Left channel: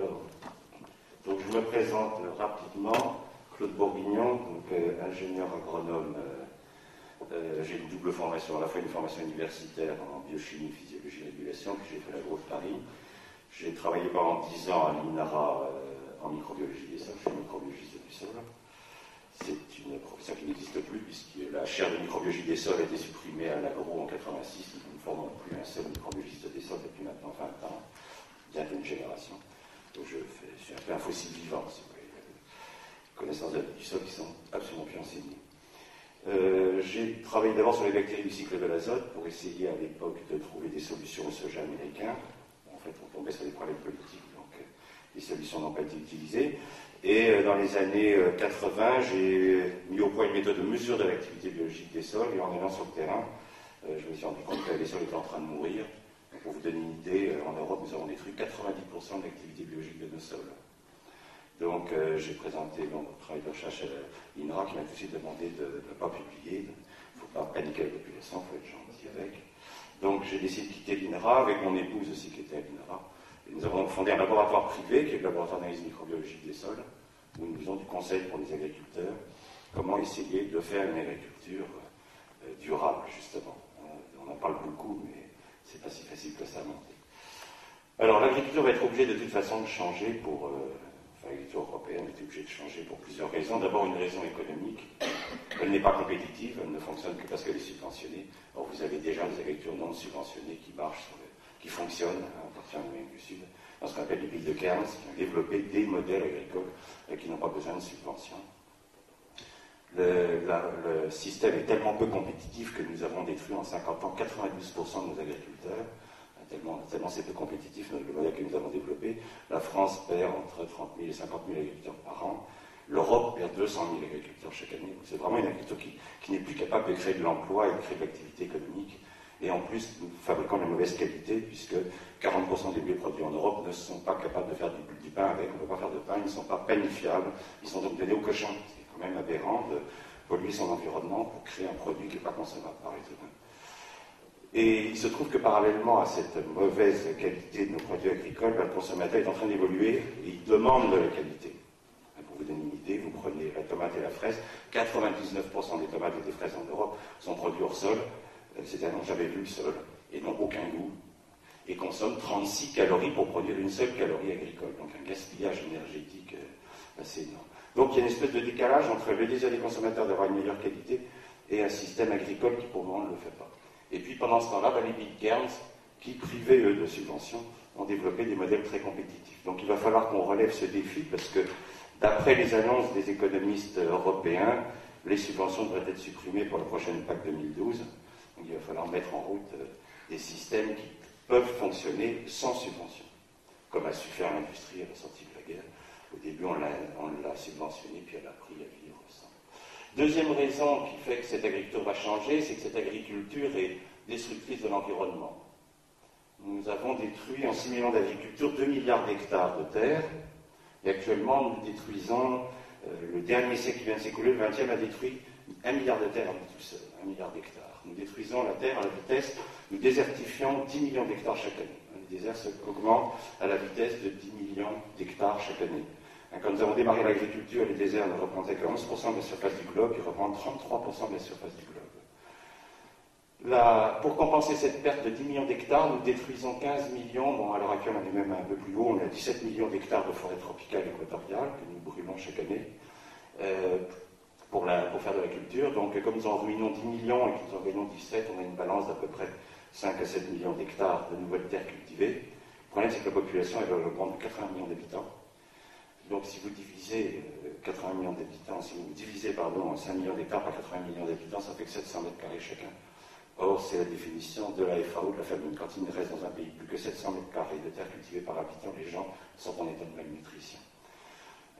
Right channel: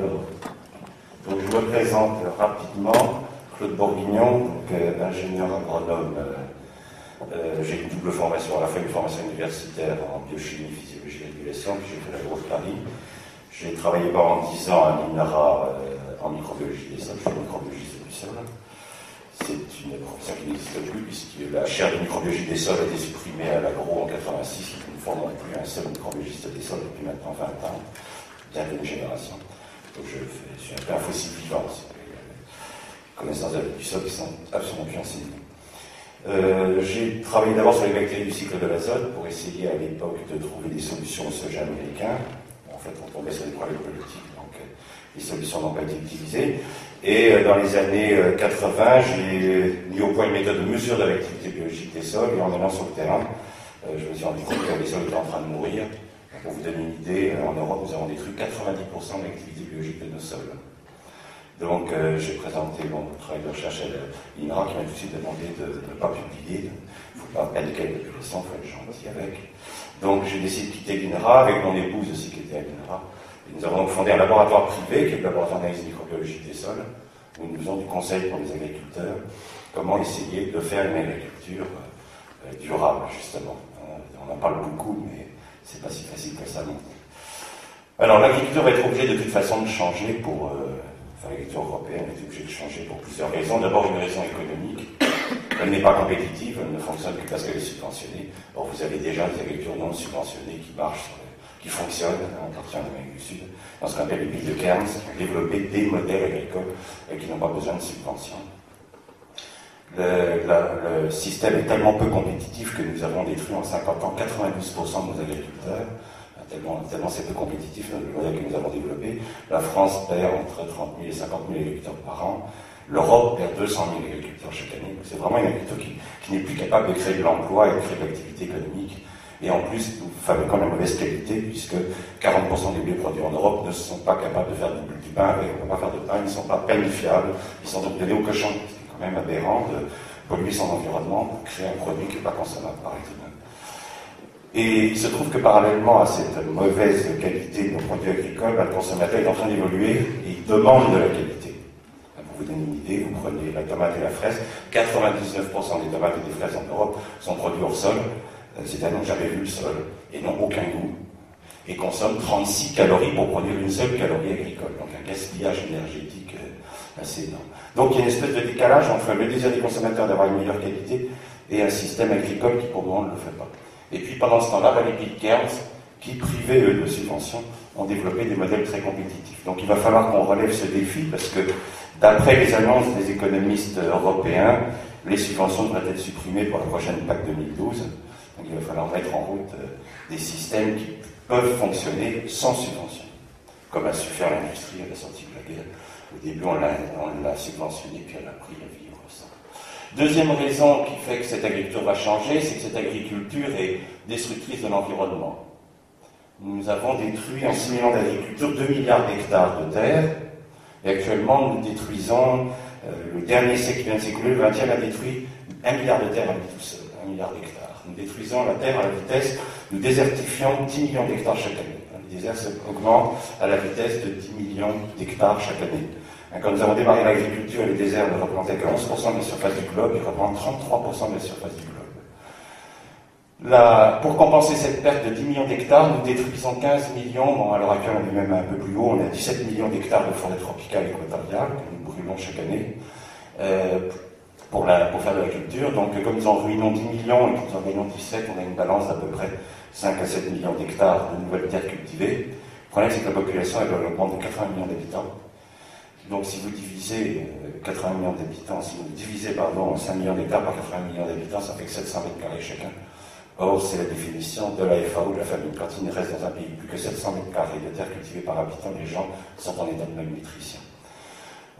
Alors, donc je me présente rapidement. Claude Bourguignon, donc, ingénieur agronome. J'ai une double formation, à la fois une formation universitaire en biochimie, physiologie et régulation, puis j'ai fait la grosse Paris. J'ai travaillé pendant 10 ans à l'INRA en microbiologie des sols, je suis microbiologiste du sol. C'est une profession qui n'existe plus, puisque la chaire de microbiologie des sols a été supprimée à l'agro en 86, nous ne formons plus un seul microbiologiste des sols depuis maintenant 20 ans, bientôt une génération. Donc je suis un peu un fossile vivant, il y a des connaissances du sol qui sont absolument plus enseignées. J'ai travaillé d'abord sur les bactéries du cycle de l'azote pour essayer à l'époque de trouver des solutions au soja américain. En fait, on tombait sur des problèmes politiques, donc les solutions n'ont pas été utilisées. Et dans les années 80, j'ai mis au point une méthode de mesure de l'activité biologique des sols, et en allant sur le terrain, je me suis rendu compte que les sols étaient en train de mourir. Pour vous donner une idée, en Europe, nous avons détruit 90% de l'activité biologique de nos sols. Donc j'ai présenté mon travail de recherche à l'INRA qui m'a tout de suite demandé de ne pas publier. Il ne faut pas paniquer avec le sang, il faut être gentil avec. Donc j'ai décidé de quitter l'INRA avec mon épouse aussi qui était à l'INRA. Et nous avons donc fondé un laboratoire privé qui est le laboratoire d'analyse microbiologique des sols, où nous faisons du conseil pour les agriculteurs, comment essayer de faire une agriculture durable, justement. On en parle beaucoup, mais c'est pas si facile que ça non. Alors l'agriculture va être obligée de toute façon de changer pour... l'agriculture européenne est obligée de changer pour plusieurs raisons. D'abord une raison économique. Elle n'est pas compétitive, elle ne fonctionne que parce qu'elle est subventionnée. Or vous avez déjà des agricultures non subventionnées qui marchent, qui fonctionnent en partie en Amérique du Sud, dans ce qu'on appelle les villes de Cairns, qui ont développé des modèles agricoles qui n'ont pas besoin de subventions. Le système est tellement peu compétitif que nous avons détruit en 50 ans 92% de nos agriculteurs. Tellement c'est peu compétitif, le modèle que nous avons développé. La France perd entre 30 000 et 50 000 agriculteurs par an. L'Europe perd 200 000 agriculteurs chaque année. C'est vraiment une agriculture qui n'est plus capable de créer de l'emploi et de créer de l'activité économique. Et en plus, nous fabriquons la mauvaise qualité, puisque 40% des blés produits en Europe ne sont pas capables de faire du pain avec. On ne peut pas faire de pain, ils ne sont pas panifiables. Ils sont donc donnés aux cochons. C'est quand même aberrant de polluer son environnement pour créer un produit qui n'est pas consommable par l'être humain. Et il se trouve que parallèlement à cette mauvaise qualité de nos produits agricoles, le consommateur est en train d'évoluer et il demande de la qualité. Pour vous donner une idée, vous prenez la tomate et la fraise, 99% des tomates et des fraises en Europe sont produits hors sol, c'est-à-dire n'ont jamais vu le sol et n'ont aucun goût, et consomment 36 calories pour produire une seule calorie agricole, donc un gaspillage énergétique assez énorme. Donc il y a une espèce de décalage entre le désir des consommateurs d'avoir une meilleure qualité et un système agricole qui pour le moment ne le fait pas. Et puis pendant ce temps-là, les pays de Cairns, qui privés eux de subventions, ont développé des modèles très compétitifs. Donc il va falloir qu'on relève ce défi parce que d'après les annonces des économistes européens, les subventions devraient être supprimées pour la prochaine PAC 2012. Donc il va falloir mettre en route des systèmes qui peuvent fonctionner sans subvention, comme a su faire l'industrie à la sortie de la guerre. Au début, on l'a subventionné, puis elle a appris à vivre sans. Deuxième raison qui fait que cette agriculture va changer, c'est que cette agriculture est destructrice de l'environnement. Nous avons détruit en 6 millions d'agricultures 2 milliards d'hectares de terre, et actuellement nous détruisons, le dernier siècle qui vient de s'écouler, le 20e a détruit 1 milliard de terres à lui tout seul, 1 milliard d'hectares. Nous détruisons la terre à la vitesse, nous désertifions 10 millions d'hectares chaque année. Le désert augmente à la vitesse de 10 millions d'hectares chaque année. Quand nous avons démarré l'agriculture, les déserts ne représentaient que 11% de la surface du globe, ils représentent 33% de la surface du globe. Pour compenser cette perte de 10 millions d'hectares, nous détruisons 15 millions, bon à l'heure actuelle on est même un peu plus haut, on a 17 millions d'hectares de forêt tropicale équatoriale que nous brûlons chaque année pour faire de la culture. Donc comme nous en ruinons 10 millions et que nous en gagnons 17, on a une balance d'à peu près 5 à 7 millions d'hectares de nouvelles terres cultivées. Le problème c'est que la population elle augmente de 80 millions d'habitants. Donc si vous divisez 80 millions d'habitants, si vous divisez 5 millions d'hectares par 80 millions d'habitants, ça fait que 700 mètres carrés chacun. Or, c'est la définition de la FAO, de la famine. Quand il ne reste dans un pays plus que 700 mètres carrés de terre cultivée par habitant, les gens sont en état de malnutrition.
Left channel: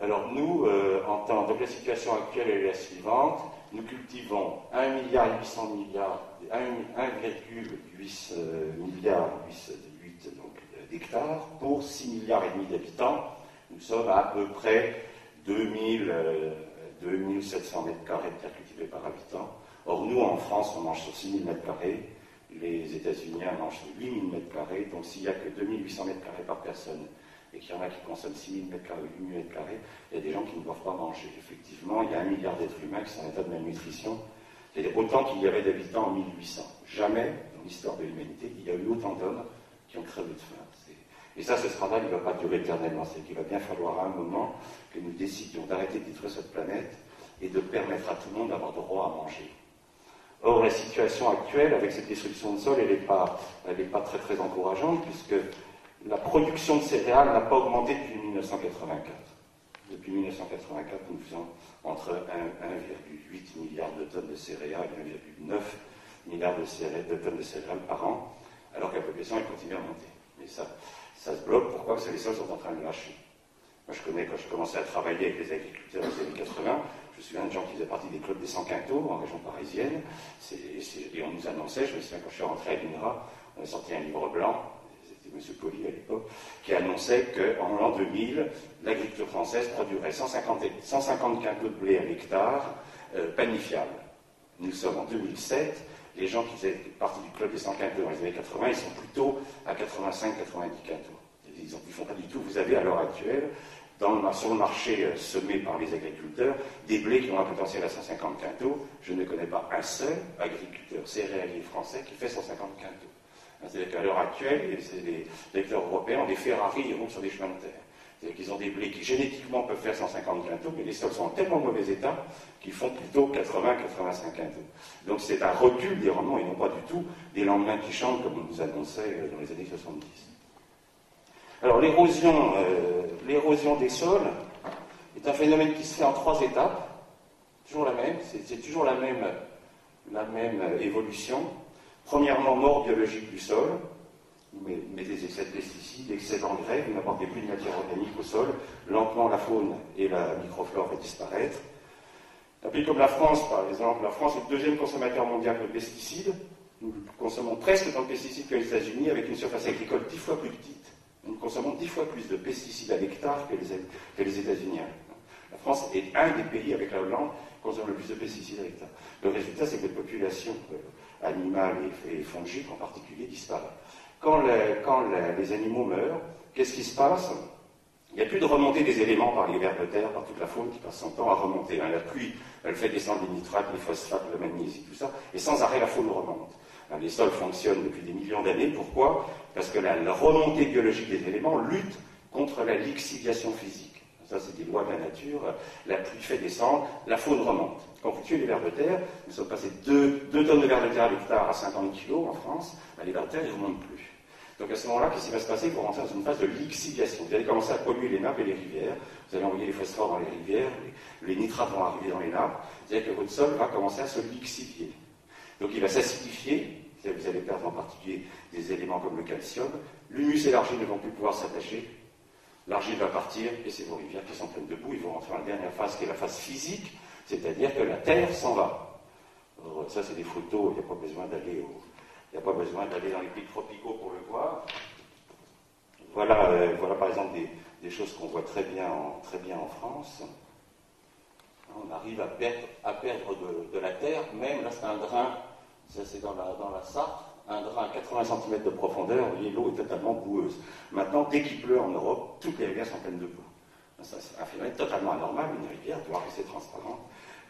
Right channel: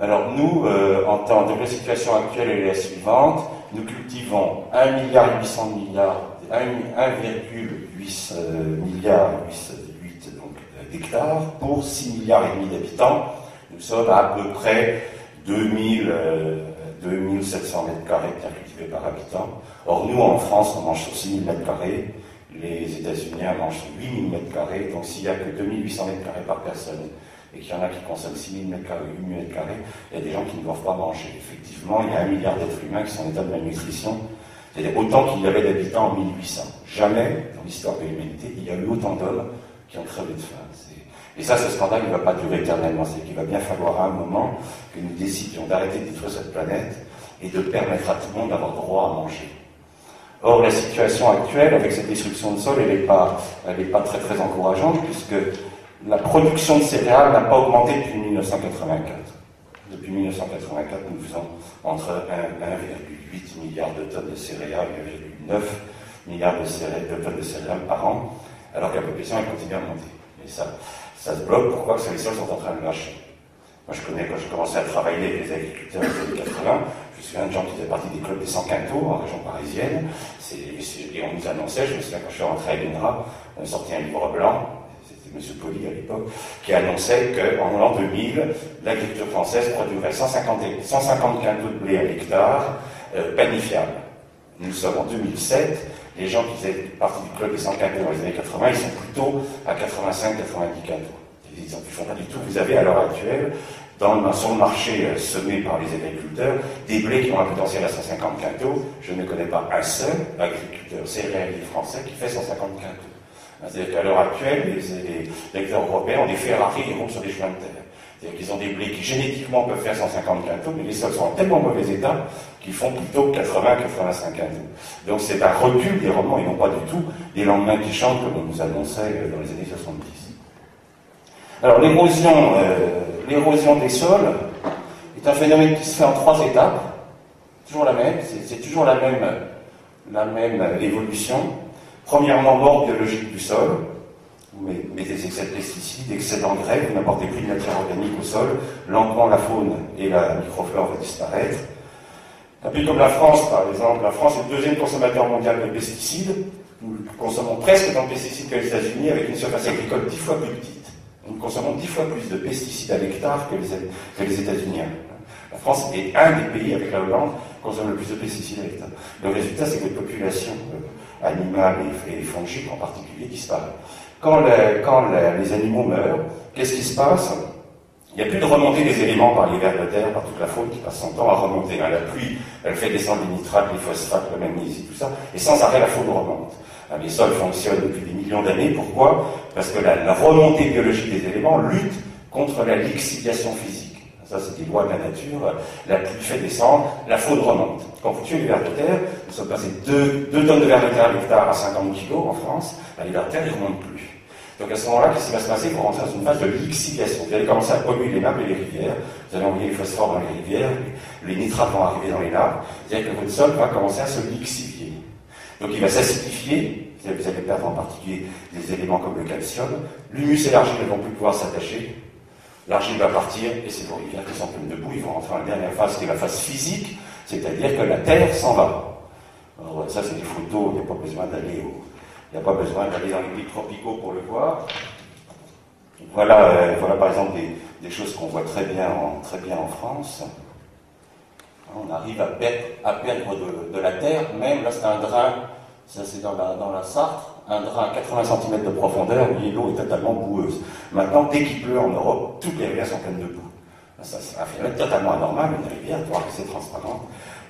Alors nous, donc la situation actuelle est la suivante. Nous cultivons 1,8 milliard d'hectares pour 6,5 milliards d'habitants. Nous sommes à peu près 2700 mètres carrés de terre cultivée par habitant. Or, nous, en France, on mange sur 6000 mètres carrés. Les États-Unis mangent sur 8000 mètres carrés. Donc, s'il n'y a que 2800 mètres carrés par personne et qu'il y en a qui consomment 6 000 m², 8 000 m², il y a des gens qui ne doivent pas manger. Effectivement, il y a 1 milliard d'êtres humains qui sont en état de malnutrition, c'est-à-dire autant qu'il y avait d'habitants en 1800. Jamais, dans l'histoire de l'humanité, il y a eu autant d'hommes qui ont crevé de faim. Et ça, ce scandale, il ne va pas durer éternellement. C'est qu'il va bien falloir à un moment que nous décidions d'arrêter de détruire cette planète et de permettre à tout le monde d'avoir droit à manger. Or, la situation actuelle, avec cette destruction de sol, elle n'est pas très très encourageante, puisque la production de céréales n'a pas augmenté depuis 1984. Depuis 1984, nous faisons entre 1,8 milliard de tonnes de céréales et 1,9 milliard de tonnes de céréales par an, alors que la population elle continue à monter. Et ça se bloque. Pourquoi? Parce que les sols sont en train de lâcher. Moi, je connais, quand je commençais à travailler avec les agriculteurs dans les années 80, je me souviens de gens qui faisaient partie des clubs des 100 quintaux en région parisienne, et on nous annonçait, je me souviens quand je suis rentré à l'INRA, on sortait un livre blanc, c'était M. Poli à l'époque, qui annonçait qu'en l'an 2000, l'agriculture française produirait 150 quintaux de blé à l'hectare, planifiable. Nous sommes en 2007, les gens qui faisaient partie du club des 100 quintaux dans les années 80, ils sont plutôt à 85-90 quintaux. Ils ne font pas du tout. Vous avez à l'heure actuelle, sur le marché semé par les agriculteurs, des blés qui ont un potentiel à 150 quintaux. Je ne connais pas un seul agriculteur céréalier français qui fait 150 quintaux. C'est-à-dire qu'à l'heure actuelle, les agriculteurs européens ont des Ferrari et roulent sur des chemins de terre. C'est-à-dire qu'ils ont des blés qui génétiquement peuvent faire 150 quintaux, mais les sols sont en tellement mauvais état qu'ils font plutôt 80-85 quintaux. Donc c'est un recul des rendements et non pas du tout des lendemains qui chantent comme on nous annonçait dans les années 70. Alors l'érosion des sols est un phénomène qui se fait en 3 étapes, toujours la même, c'est toujours la même évolution. Premièrement, mort biologique du sol. Vous mettez des excès de pesticides, excès d'engrais, vous n'apportez plus de matière organique au sol, lentement la faune et la microflore va disparaître. Un pays comme la France, par exemple, la France est le 2e consommateur mondial de pesticides. Nous consommons presque autant de pesticides que les États-Unis avec une surface agricole 10 fois plus petite. Nous consommons 10 fois plus de pesticides à l'hectare que les États-Unis. La France est un des pays, avec la Hollande, qui consomme le plus de pesticides à l'hectare. Le résultat, c'est que votre population animale et fongique en particulier disparaît. Quand les animaux meurent, qu'est-ce qui se passe? Il n'y a plus de remontée des éléments par les vers de terre, par toute la faune qui passe son temps à remonter. La pluie, elle fait descendre les nitrates, les phosphates, le magnésie, tout ça, et sans arrêt la faune remonte. Les sols fonctionnent depuis des millions d'années. Pourquoi? Parce que la remontée biologique des éléments lutte contre la lixiviation physique. Ça, c'est des lois de la nature. La pluie fait descendre, la faune remonte. Quand vous tuez les vers de terre, nous sommes passés 2 tonnes de vers de terre à l'hectare à 50 kg en France, les vers de terre, ils ne remontent plus. Donc à ce moment-là, qu'est-ce qui va se passer? Il faut rentrer dans une phase de lixiviation. Vous allez commencer à polluer les nappes et les rivières, vous allez envoyer les phosphores dans les rivières, les nitrates vont arriver dans les nappes, c'est-à-dire que votre sol va commencer à se lixivier. Donc il va s'acidifier, vous allez perdre en particulier des éléments comme le calcium, l'humus et l'argile ne vont plus pouvoir s'attacher, l'argile va partir et c'est vos rivières qui sont pleines de boue, ils vont rentrer dans la dernière phase qui est la phase physique, c'est-à-dire que la terre s'en va. Alors ça c'est des photos, il n'y a pas besoin d'aller dans les pays tropicaux pour le voir. Voilà par exemple des choses qu'on voit très bien en France. On arrive à perdre de la terre, même là c'est un drain, ça c'est dans la Sarthe, un drain à 80 cm de profondeur, l'eau est totalement boueuse. Maintenant, dès qu'il pleut en Europe, toutes les rivières sont pleines de boue. Ça, c'est un phénomène totalement anormal, une rivière, tu vois que c'est transparent.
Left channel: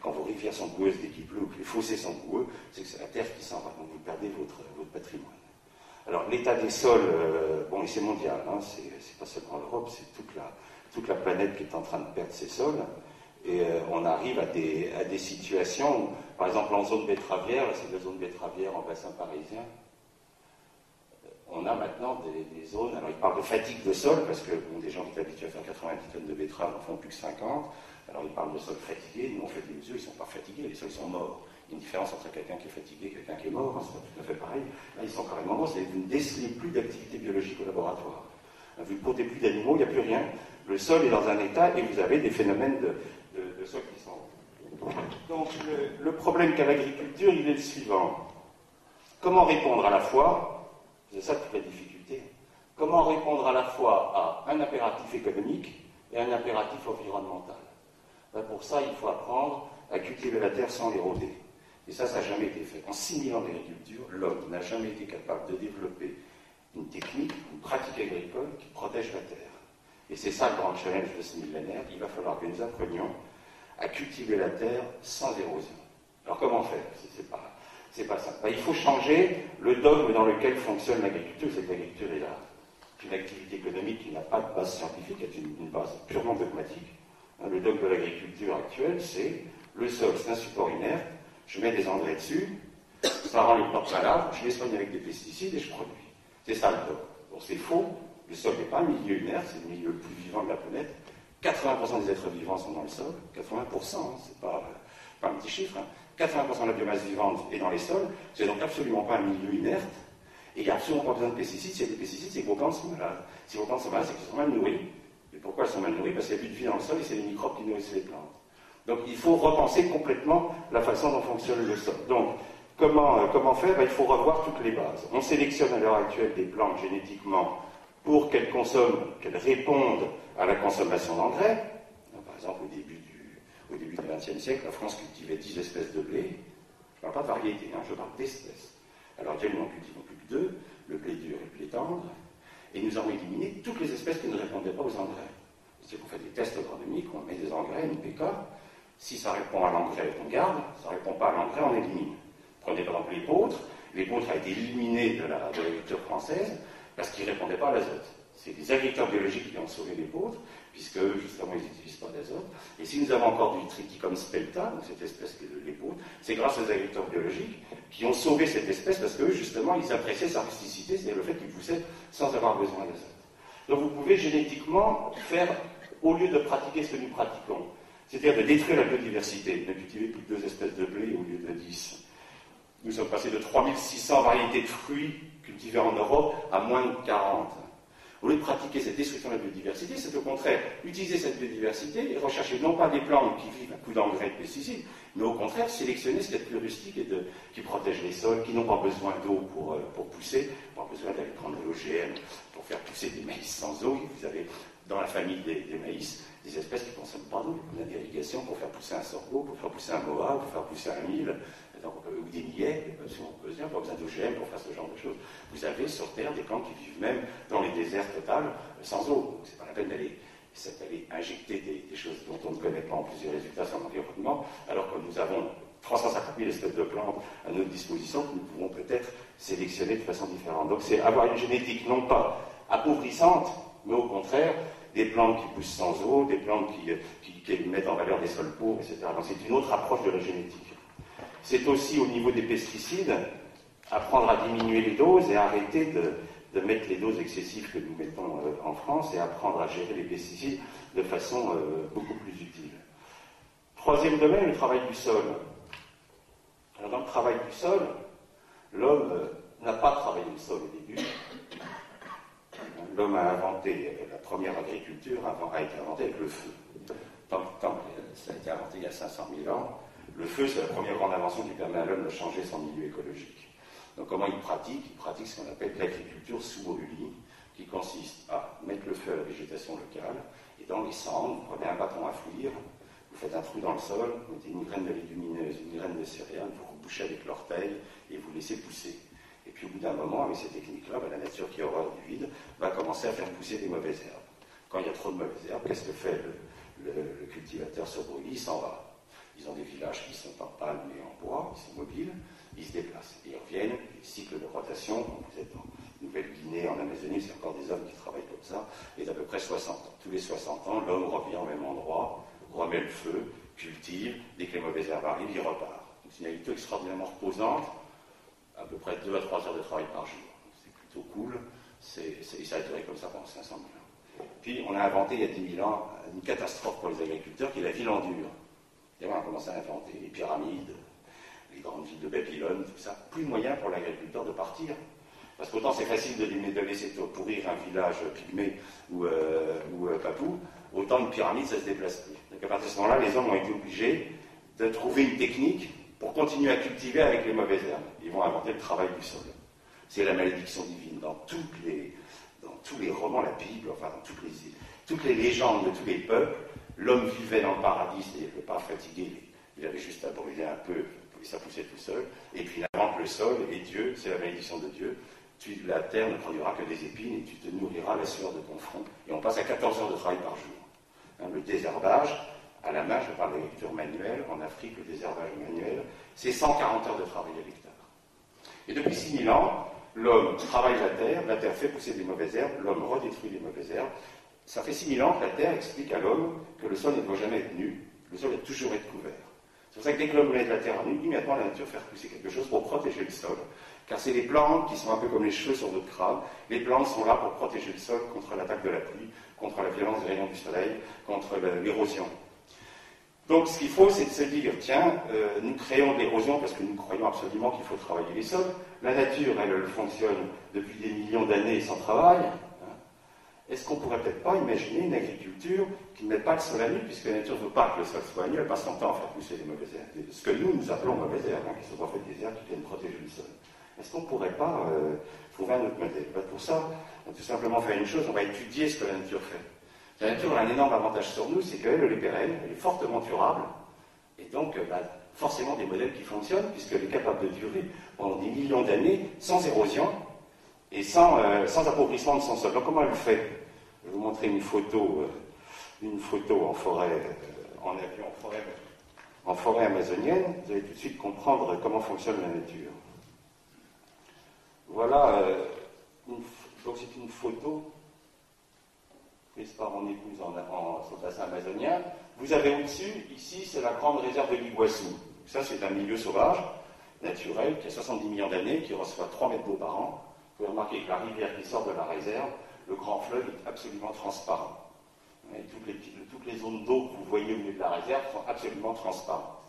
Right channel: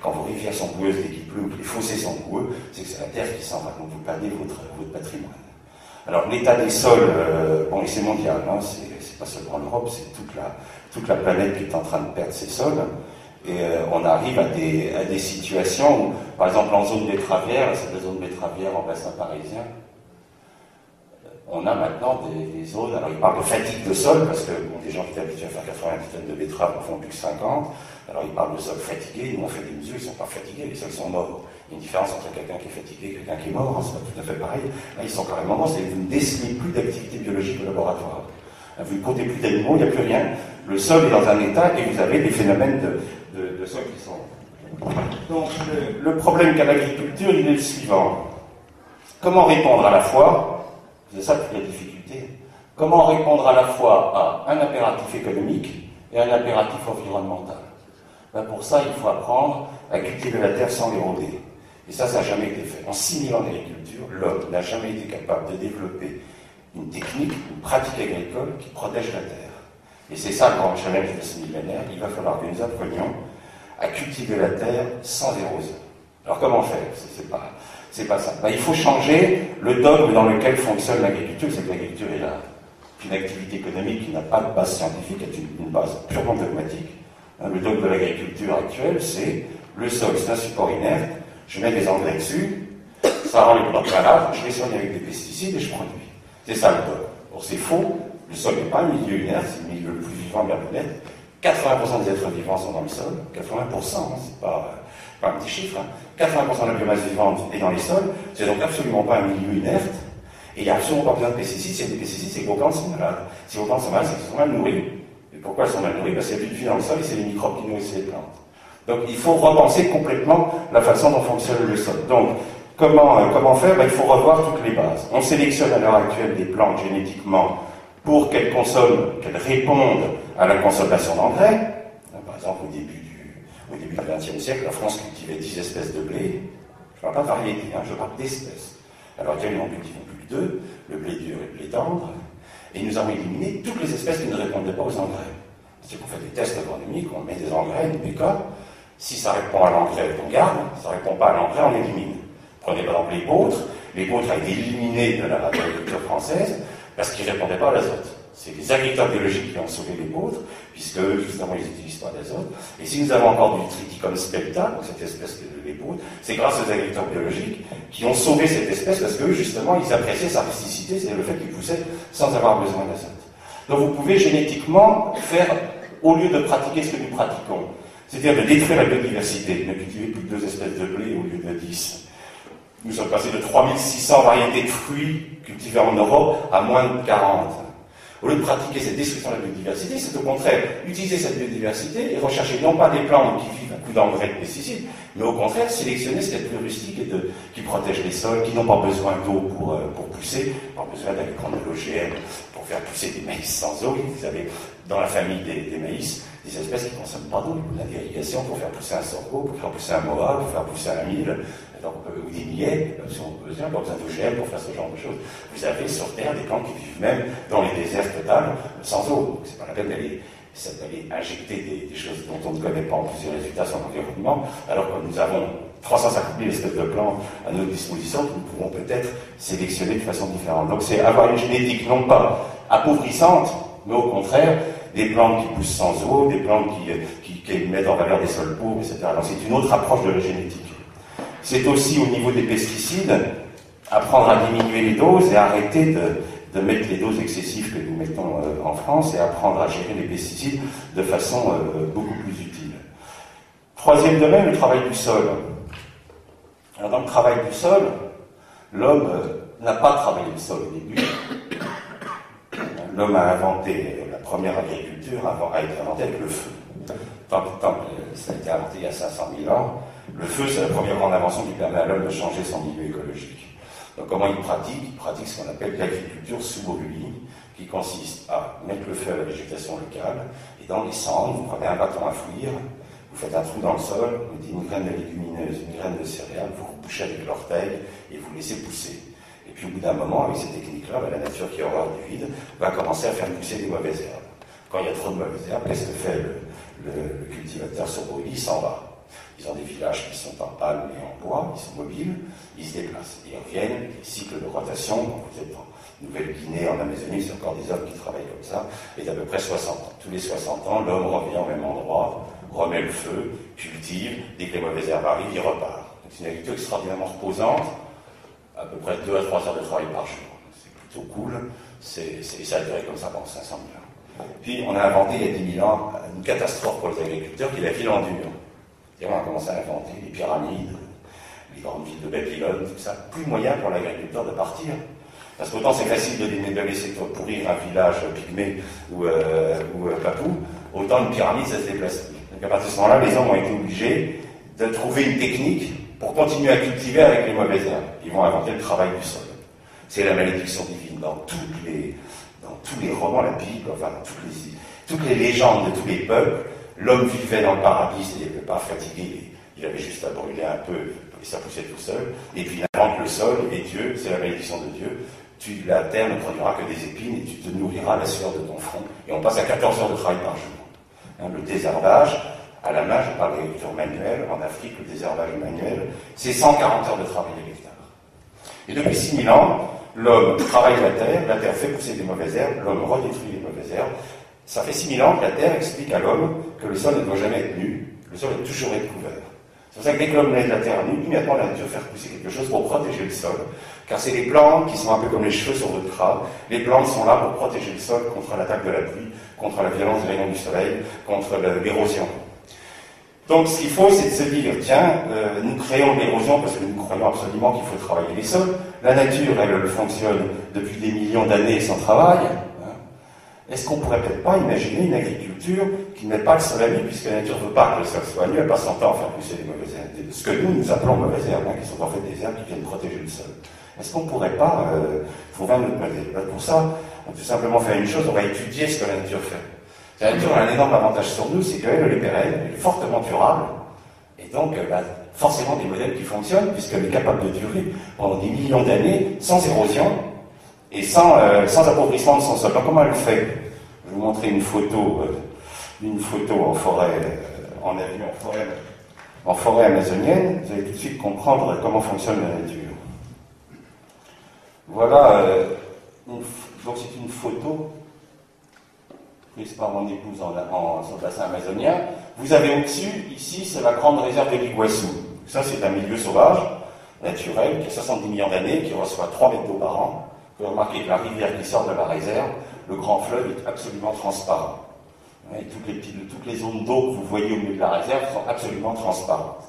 Quand vos rivières sont boueuses dès qu'il pleut ou que les fossés sont boueux, c'est que c'est la terre qui s'en va, donc vous perdez votre patrimoine. Alors l'état des sols, bon, et c'est mondial, hein, c'est pas seulement en Europe, c'est toute la planète qui est en train de perdre ses sols. Et on arrive à des situations où, par exemple en zone betteravière, c'est la zone betteravière en bassin parisien, on a maintenant des zones, alors ils parlent de fatigue de sol, parce que bon, des gens qui étaient habitués à faire 90 tonnes de betteraves en font plus que 50, alors ils parlent de sol fatigué, nous on fait des mesures, ils ne sont pas fatigués, les sols sont morts. Il y a une différence entre quelqu'un qui est fatigué et quelqu'un qui est mort, hein, c'est pas tout à fait pareil. Là, ils sont carrément morts, c'est que vous ne décelez plus d'activité biologique au laboratoire. Vous ne comptez plus d'animaux, il n'y a plus rien. Le sol est dans un état et vous avez des phénomènes de sol qui sont... Donc le problème qu'a l'agriculture, il est le suivant. Comment répondre à la fois, c'est ça toute la difficulté, comment répondre à la fois à un impératif économique et un impératif environnemental? Ben pour ça, il faut apprendre à cultiver la terre sans l'éroder. Et ça n'a jamais été fait. En 6000 ans d'agriculture, l'homme n'a jamais été capable de développer une technique, une pratique agricole qui protège la terre. Et c'est ça le grand challenge de ce millénaire. Il va falloir que nous apprenions à cultiver la terre sans érosion. Alors comment faire? C'est pas ça. Ben, il faut changer le dogme dans lequel fonctionne l'agriculture. C'est que l'agriculture est une activité économique qui n'a pas de base scientifique, est une base purement dogmatique. Le dogme de l'agriculture actuelle, c'est le sol, c'est un support inerte, je mets des engrais dessus, ça rend les plantes malades, je les soigne avec des pesticides et je produis. C'est ça le dogme. Or c'est faux, le sol n'est pas un milieu inerte, c'est le milieu le plus vivant de la planète. 80% des êtres vivants sont dans le sol, 80%, hein, c'est pas un petit chiffre, hein. 80% de la biomasse vivante est dans les sols, c'est donc absolument pas un milieu inerte, et il n'y a absolument pas besoin de pesticides. S'il y a des pesticides, c'est que vos plantes sont malades. Si vos plantes sont malades, c'est qu'elles sont mal nourries. Et pourquoi elles sont mal nourries? Parce qu'il n'y a plus de vie dans le sol et c'est les microbes qui nourrissent les plantes. Donc il faut repenser complètement la façon dont fonctionne le sol. Donc comment faire? Il faut revoir toutes les bases. On sélectionne à l'heure actuelle des plantes génétiquement pour qu'elles répondent à la consommation d'engrais. Par exemple, au début du XXe siècle, la France cultivait 10 espèces de blé. Je ne parle pas de variété, hein, je parle d'espèces. Alors actuellement, nous cultivons plus que 2, le blé dur et le blé tendre, et nous avons éliminé toutes les espèces qui ne répondaient pas aux engrais. C'est qu'on fait des tests agronomiques, on met des engrais, une PK. Si ça répond à l'engrais, on garde. Si ça ne répond pas à l'engrais, on élimine. Prenez par exemple les vôtres. Les vôtres a été éliminés de l'agriculture française parce qu'ils ne répondaient pas à l'azote. C'est les agriculteurs biologiques qui ont sauvé les vôtres, puisque justement ils n'utilisent pas d'azote. Et si nous avons encore du Triticum spelta, donc cette espèce de les vôtres, c'est grâce aux agriculteurs biologiques qui ont sauvé cette espèce parce que justement ils appréciaient sa rusticité, c'est le fait qu'il poussait sans avoir besoin d'azote. Donc vous pouvez génétiquement faire, au lieu de pratiquer ce que nous pratiquons, c'est-à-dire de détruire la biodiversité, ne cultiver plus que 2 espèces de blé au lieu de 10. Nous sommes passés de 3600 variétés de fruits cultivées en Europe à moins de 40. Au lieu de pratiquer cette destruction de la biodiversité, c'est au contraire utiliser cette biodiversité et rechercher non pas des plantes qui vivent à coups d'engrais et de pesticides, mais au contraire sélectionner ce qui est plus rustique et qui protège les sols, qui n'ont pas besoin d'eau pour pousser, pas besoin d'aller prendre de l'OGM pour faire pousser des maïs sans eau. Vous avez dans la famille des maïs des espèces qui ne consomment pas d'eau, il y a d'irrigation pour faire pousser un sorgho, pour faire pousser un moa, pour faire pousser un mil, ou des millets, si on peut dire, pas besoin d'OGM pour faire ce genre de choses. Vous avez sur Terre des plantes qui vivent même dans les déserts totaux sans eau. Donc c'est pas la peine d'aller injecter des choses dont on ne connaît pas en plus les résultats sur l'environnement, alors que nous avons 350 000 espèces de plantes à notre disposition que nous pouvons peut-être sélectionner de façon différente. Donc c'est avoir une génétique non pas appauvrissante, mais au contraire, des plantes qui poussent sans eau, des plantes qui mettent en valeur des sols pauvres, etc. Donc c'est une autre approche de la génétique. C'est aussi au niveau des pesticides, apprendre à diminuer les doses et arrêter de mettre les doses excessives que nous mettons en France et apprendre à gérer les pesticides de façon beaucoup plus utile. Troisième domaine, le travail du sol. Alors dans le travail du sol, l'homme n'a pas travaillé le sol au début. L'homme a inventé la première agriculture, a été inventée avec le feu. Ça a été inventé il y a 500 000 ans. Le feu, c'est la première grande invention qui permet à l'homme de changer son milieu écologique. Donc comment il pratique? Il pratique ce qu'on appelle l'agriculture sous brûlis, qui consiste à mettre le feu à la végétation locale, et dans les cendres, vous prenez un bâton à fouillir, vous faites un trou dans le sol, vous mettez une graine de légumineuse, une graine de céréales, vous bouchez avec l'orteil, et vous laissez pousser. Et puis au bout d'un moment, avec ces techniques-là, la nature qui a horreur du vide va commencer à faire pousser des mauvaises herbes. Quand il y a trop de mauvaises herbes, qu'est-ce que fait le cultivateur sur brûlis? Il s'en va. Ils ont des villages qui sont en palme et en bois, ils sont mobiles, ils se déplacent. Et ils reviennent, les cycles de rotation, quand vous êtes en Nouvelle-Guinée, en Amazonie, c'est encore des hommes qui travaillent comme ça, et d'à peu près 60 ans. Tous les 60 ans, l'homme revient au même endroit, remet le feu, cultive, dès que les mauvaises herbes arrivent, il repart. C'est une agriculture extraordinairement reposante, à peu près 2 à 3 heures de travail par jour. C'est plutôt cool, et ça a duré comme ça pendant 500 000 ans. Puis on a inventé il y a 10 000 ans une catastrophe pour les agriculteurs qui est la ville en dur. Et on a commencé à inventer les pyramides, les grandes villes de Babylone, tout ça. Plus moyen pour l'agriculteur de partir. Parce qu'autant c'est facile de laisser pourrir un village pygmée ou papou, autant une pyramide ça se déplace plus. Donc à partir de ce moment-là, les hommes ont été obligés de trouver une technique pour continuer à cultiver avec les mauvaises herbes. Ils vont inventer le travail du sol. C'est la malédiction divine dans tous les romans, la Bible, enfin dans toutes les légendes de tous les peuples. L'homme vivait dans le paradis, il n'était pas fatigué, il avait juste à brûler un peu, et ça poussait tout seul. Et puis il invente le sol, et Dieu, c'est la malédiction de Dieu, la terre ne produira que des épines et tu te nourriras à la sueur de ton front. Et on passe à 14 heures de travail par jour. Hein, le désherbage, à la main, je parle d'agriculture manuelle, en Afrique, le désherbage manuel, c'est 140 heures de travail à l'hectare. Et depuis 6000 ans, l'homme travaille la terre fait pousser des mauvaises herbes, l'homme redétruit les mauvaises herbes. Ça fait 6000 ans que la terre explique à l'homme que le sol ne doit jamais être nu, le sol doit toujours être couvert. C'est pour ça que dès que l'homme met de la terre nue, immédiatement la nature fait pousser quelque chose pour protéger le sol. Car c'est les plantes qui sont un peu comme les cheveux sur votre crâne. Les plantes sont là pour protéger le sol contre l'attaque de la pluie, contre la violence des rayons du soleil, contre l'érosion. Donc ce qu'il faut, c'est de se dire, tiens, nous créons de l'érosion parce que nous croyons absolument qu'il faut travailler les sols. La nature, elle fonctionne depuis des millions d'années sans travail. Est-ce qu'on ne pourrait peut-être pas imaginer une agriculture qui ne met pas le sol à nu, puisque la nature ne veut pas que le sol soit à nu, elle passe son temps à faire pousser des mauvaises herbes, ce que nous appelons mauvaises herbes, qui sont en fait des herbes qui viennent protéger le sol. Est-ce qu'on ne pourrait pas trouver un autre modèle? Pour ça, on peut tout simplement faire une chose, on va étudier ce que la nature fait. La nature a un énorme avantage sur nous, c'est qu'elle est pérenne, elle est fortement durable, et donc elle a forcément des modèles qui fonctionnent, puisqu'elle est capable de durer pendant des millions d'années, sans érosion, et sans appauvrissement de son sol. Alors comment elle fait? Je vais vous montrer une photo en forêt, en forêt amazonienne. Vous allez tout de suite comprendre comment fonctionne la nature. Voilà, donc c'est une photo prise par mon épouse sur le bassin amazonien. Vous avez au-dessus, ici, c'est la grande réserve de l'Iguassou. Ça, c'est un milieu sauvage, naturel, qui a 70 millions d'années, qui reçoit 3 mètres d'eau par an. Vous pouvez remarquer que la rivière qui sort de la réserve, le grand fleuve est absolument transparent. Et toutes les zones d'eau que vous voyez au milieu de la réserve sont absolument transparentes.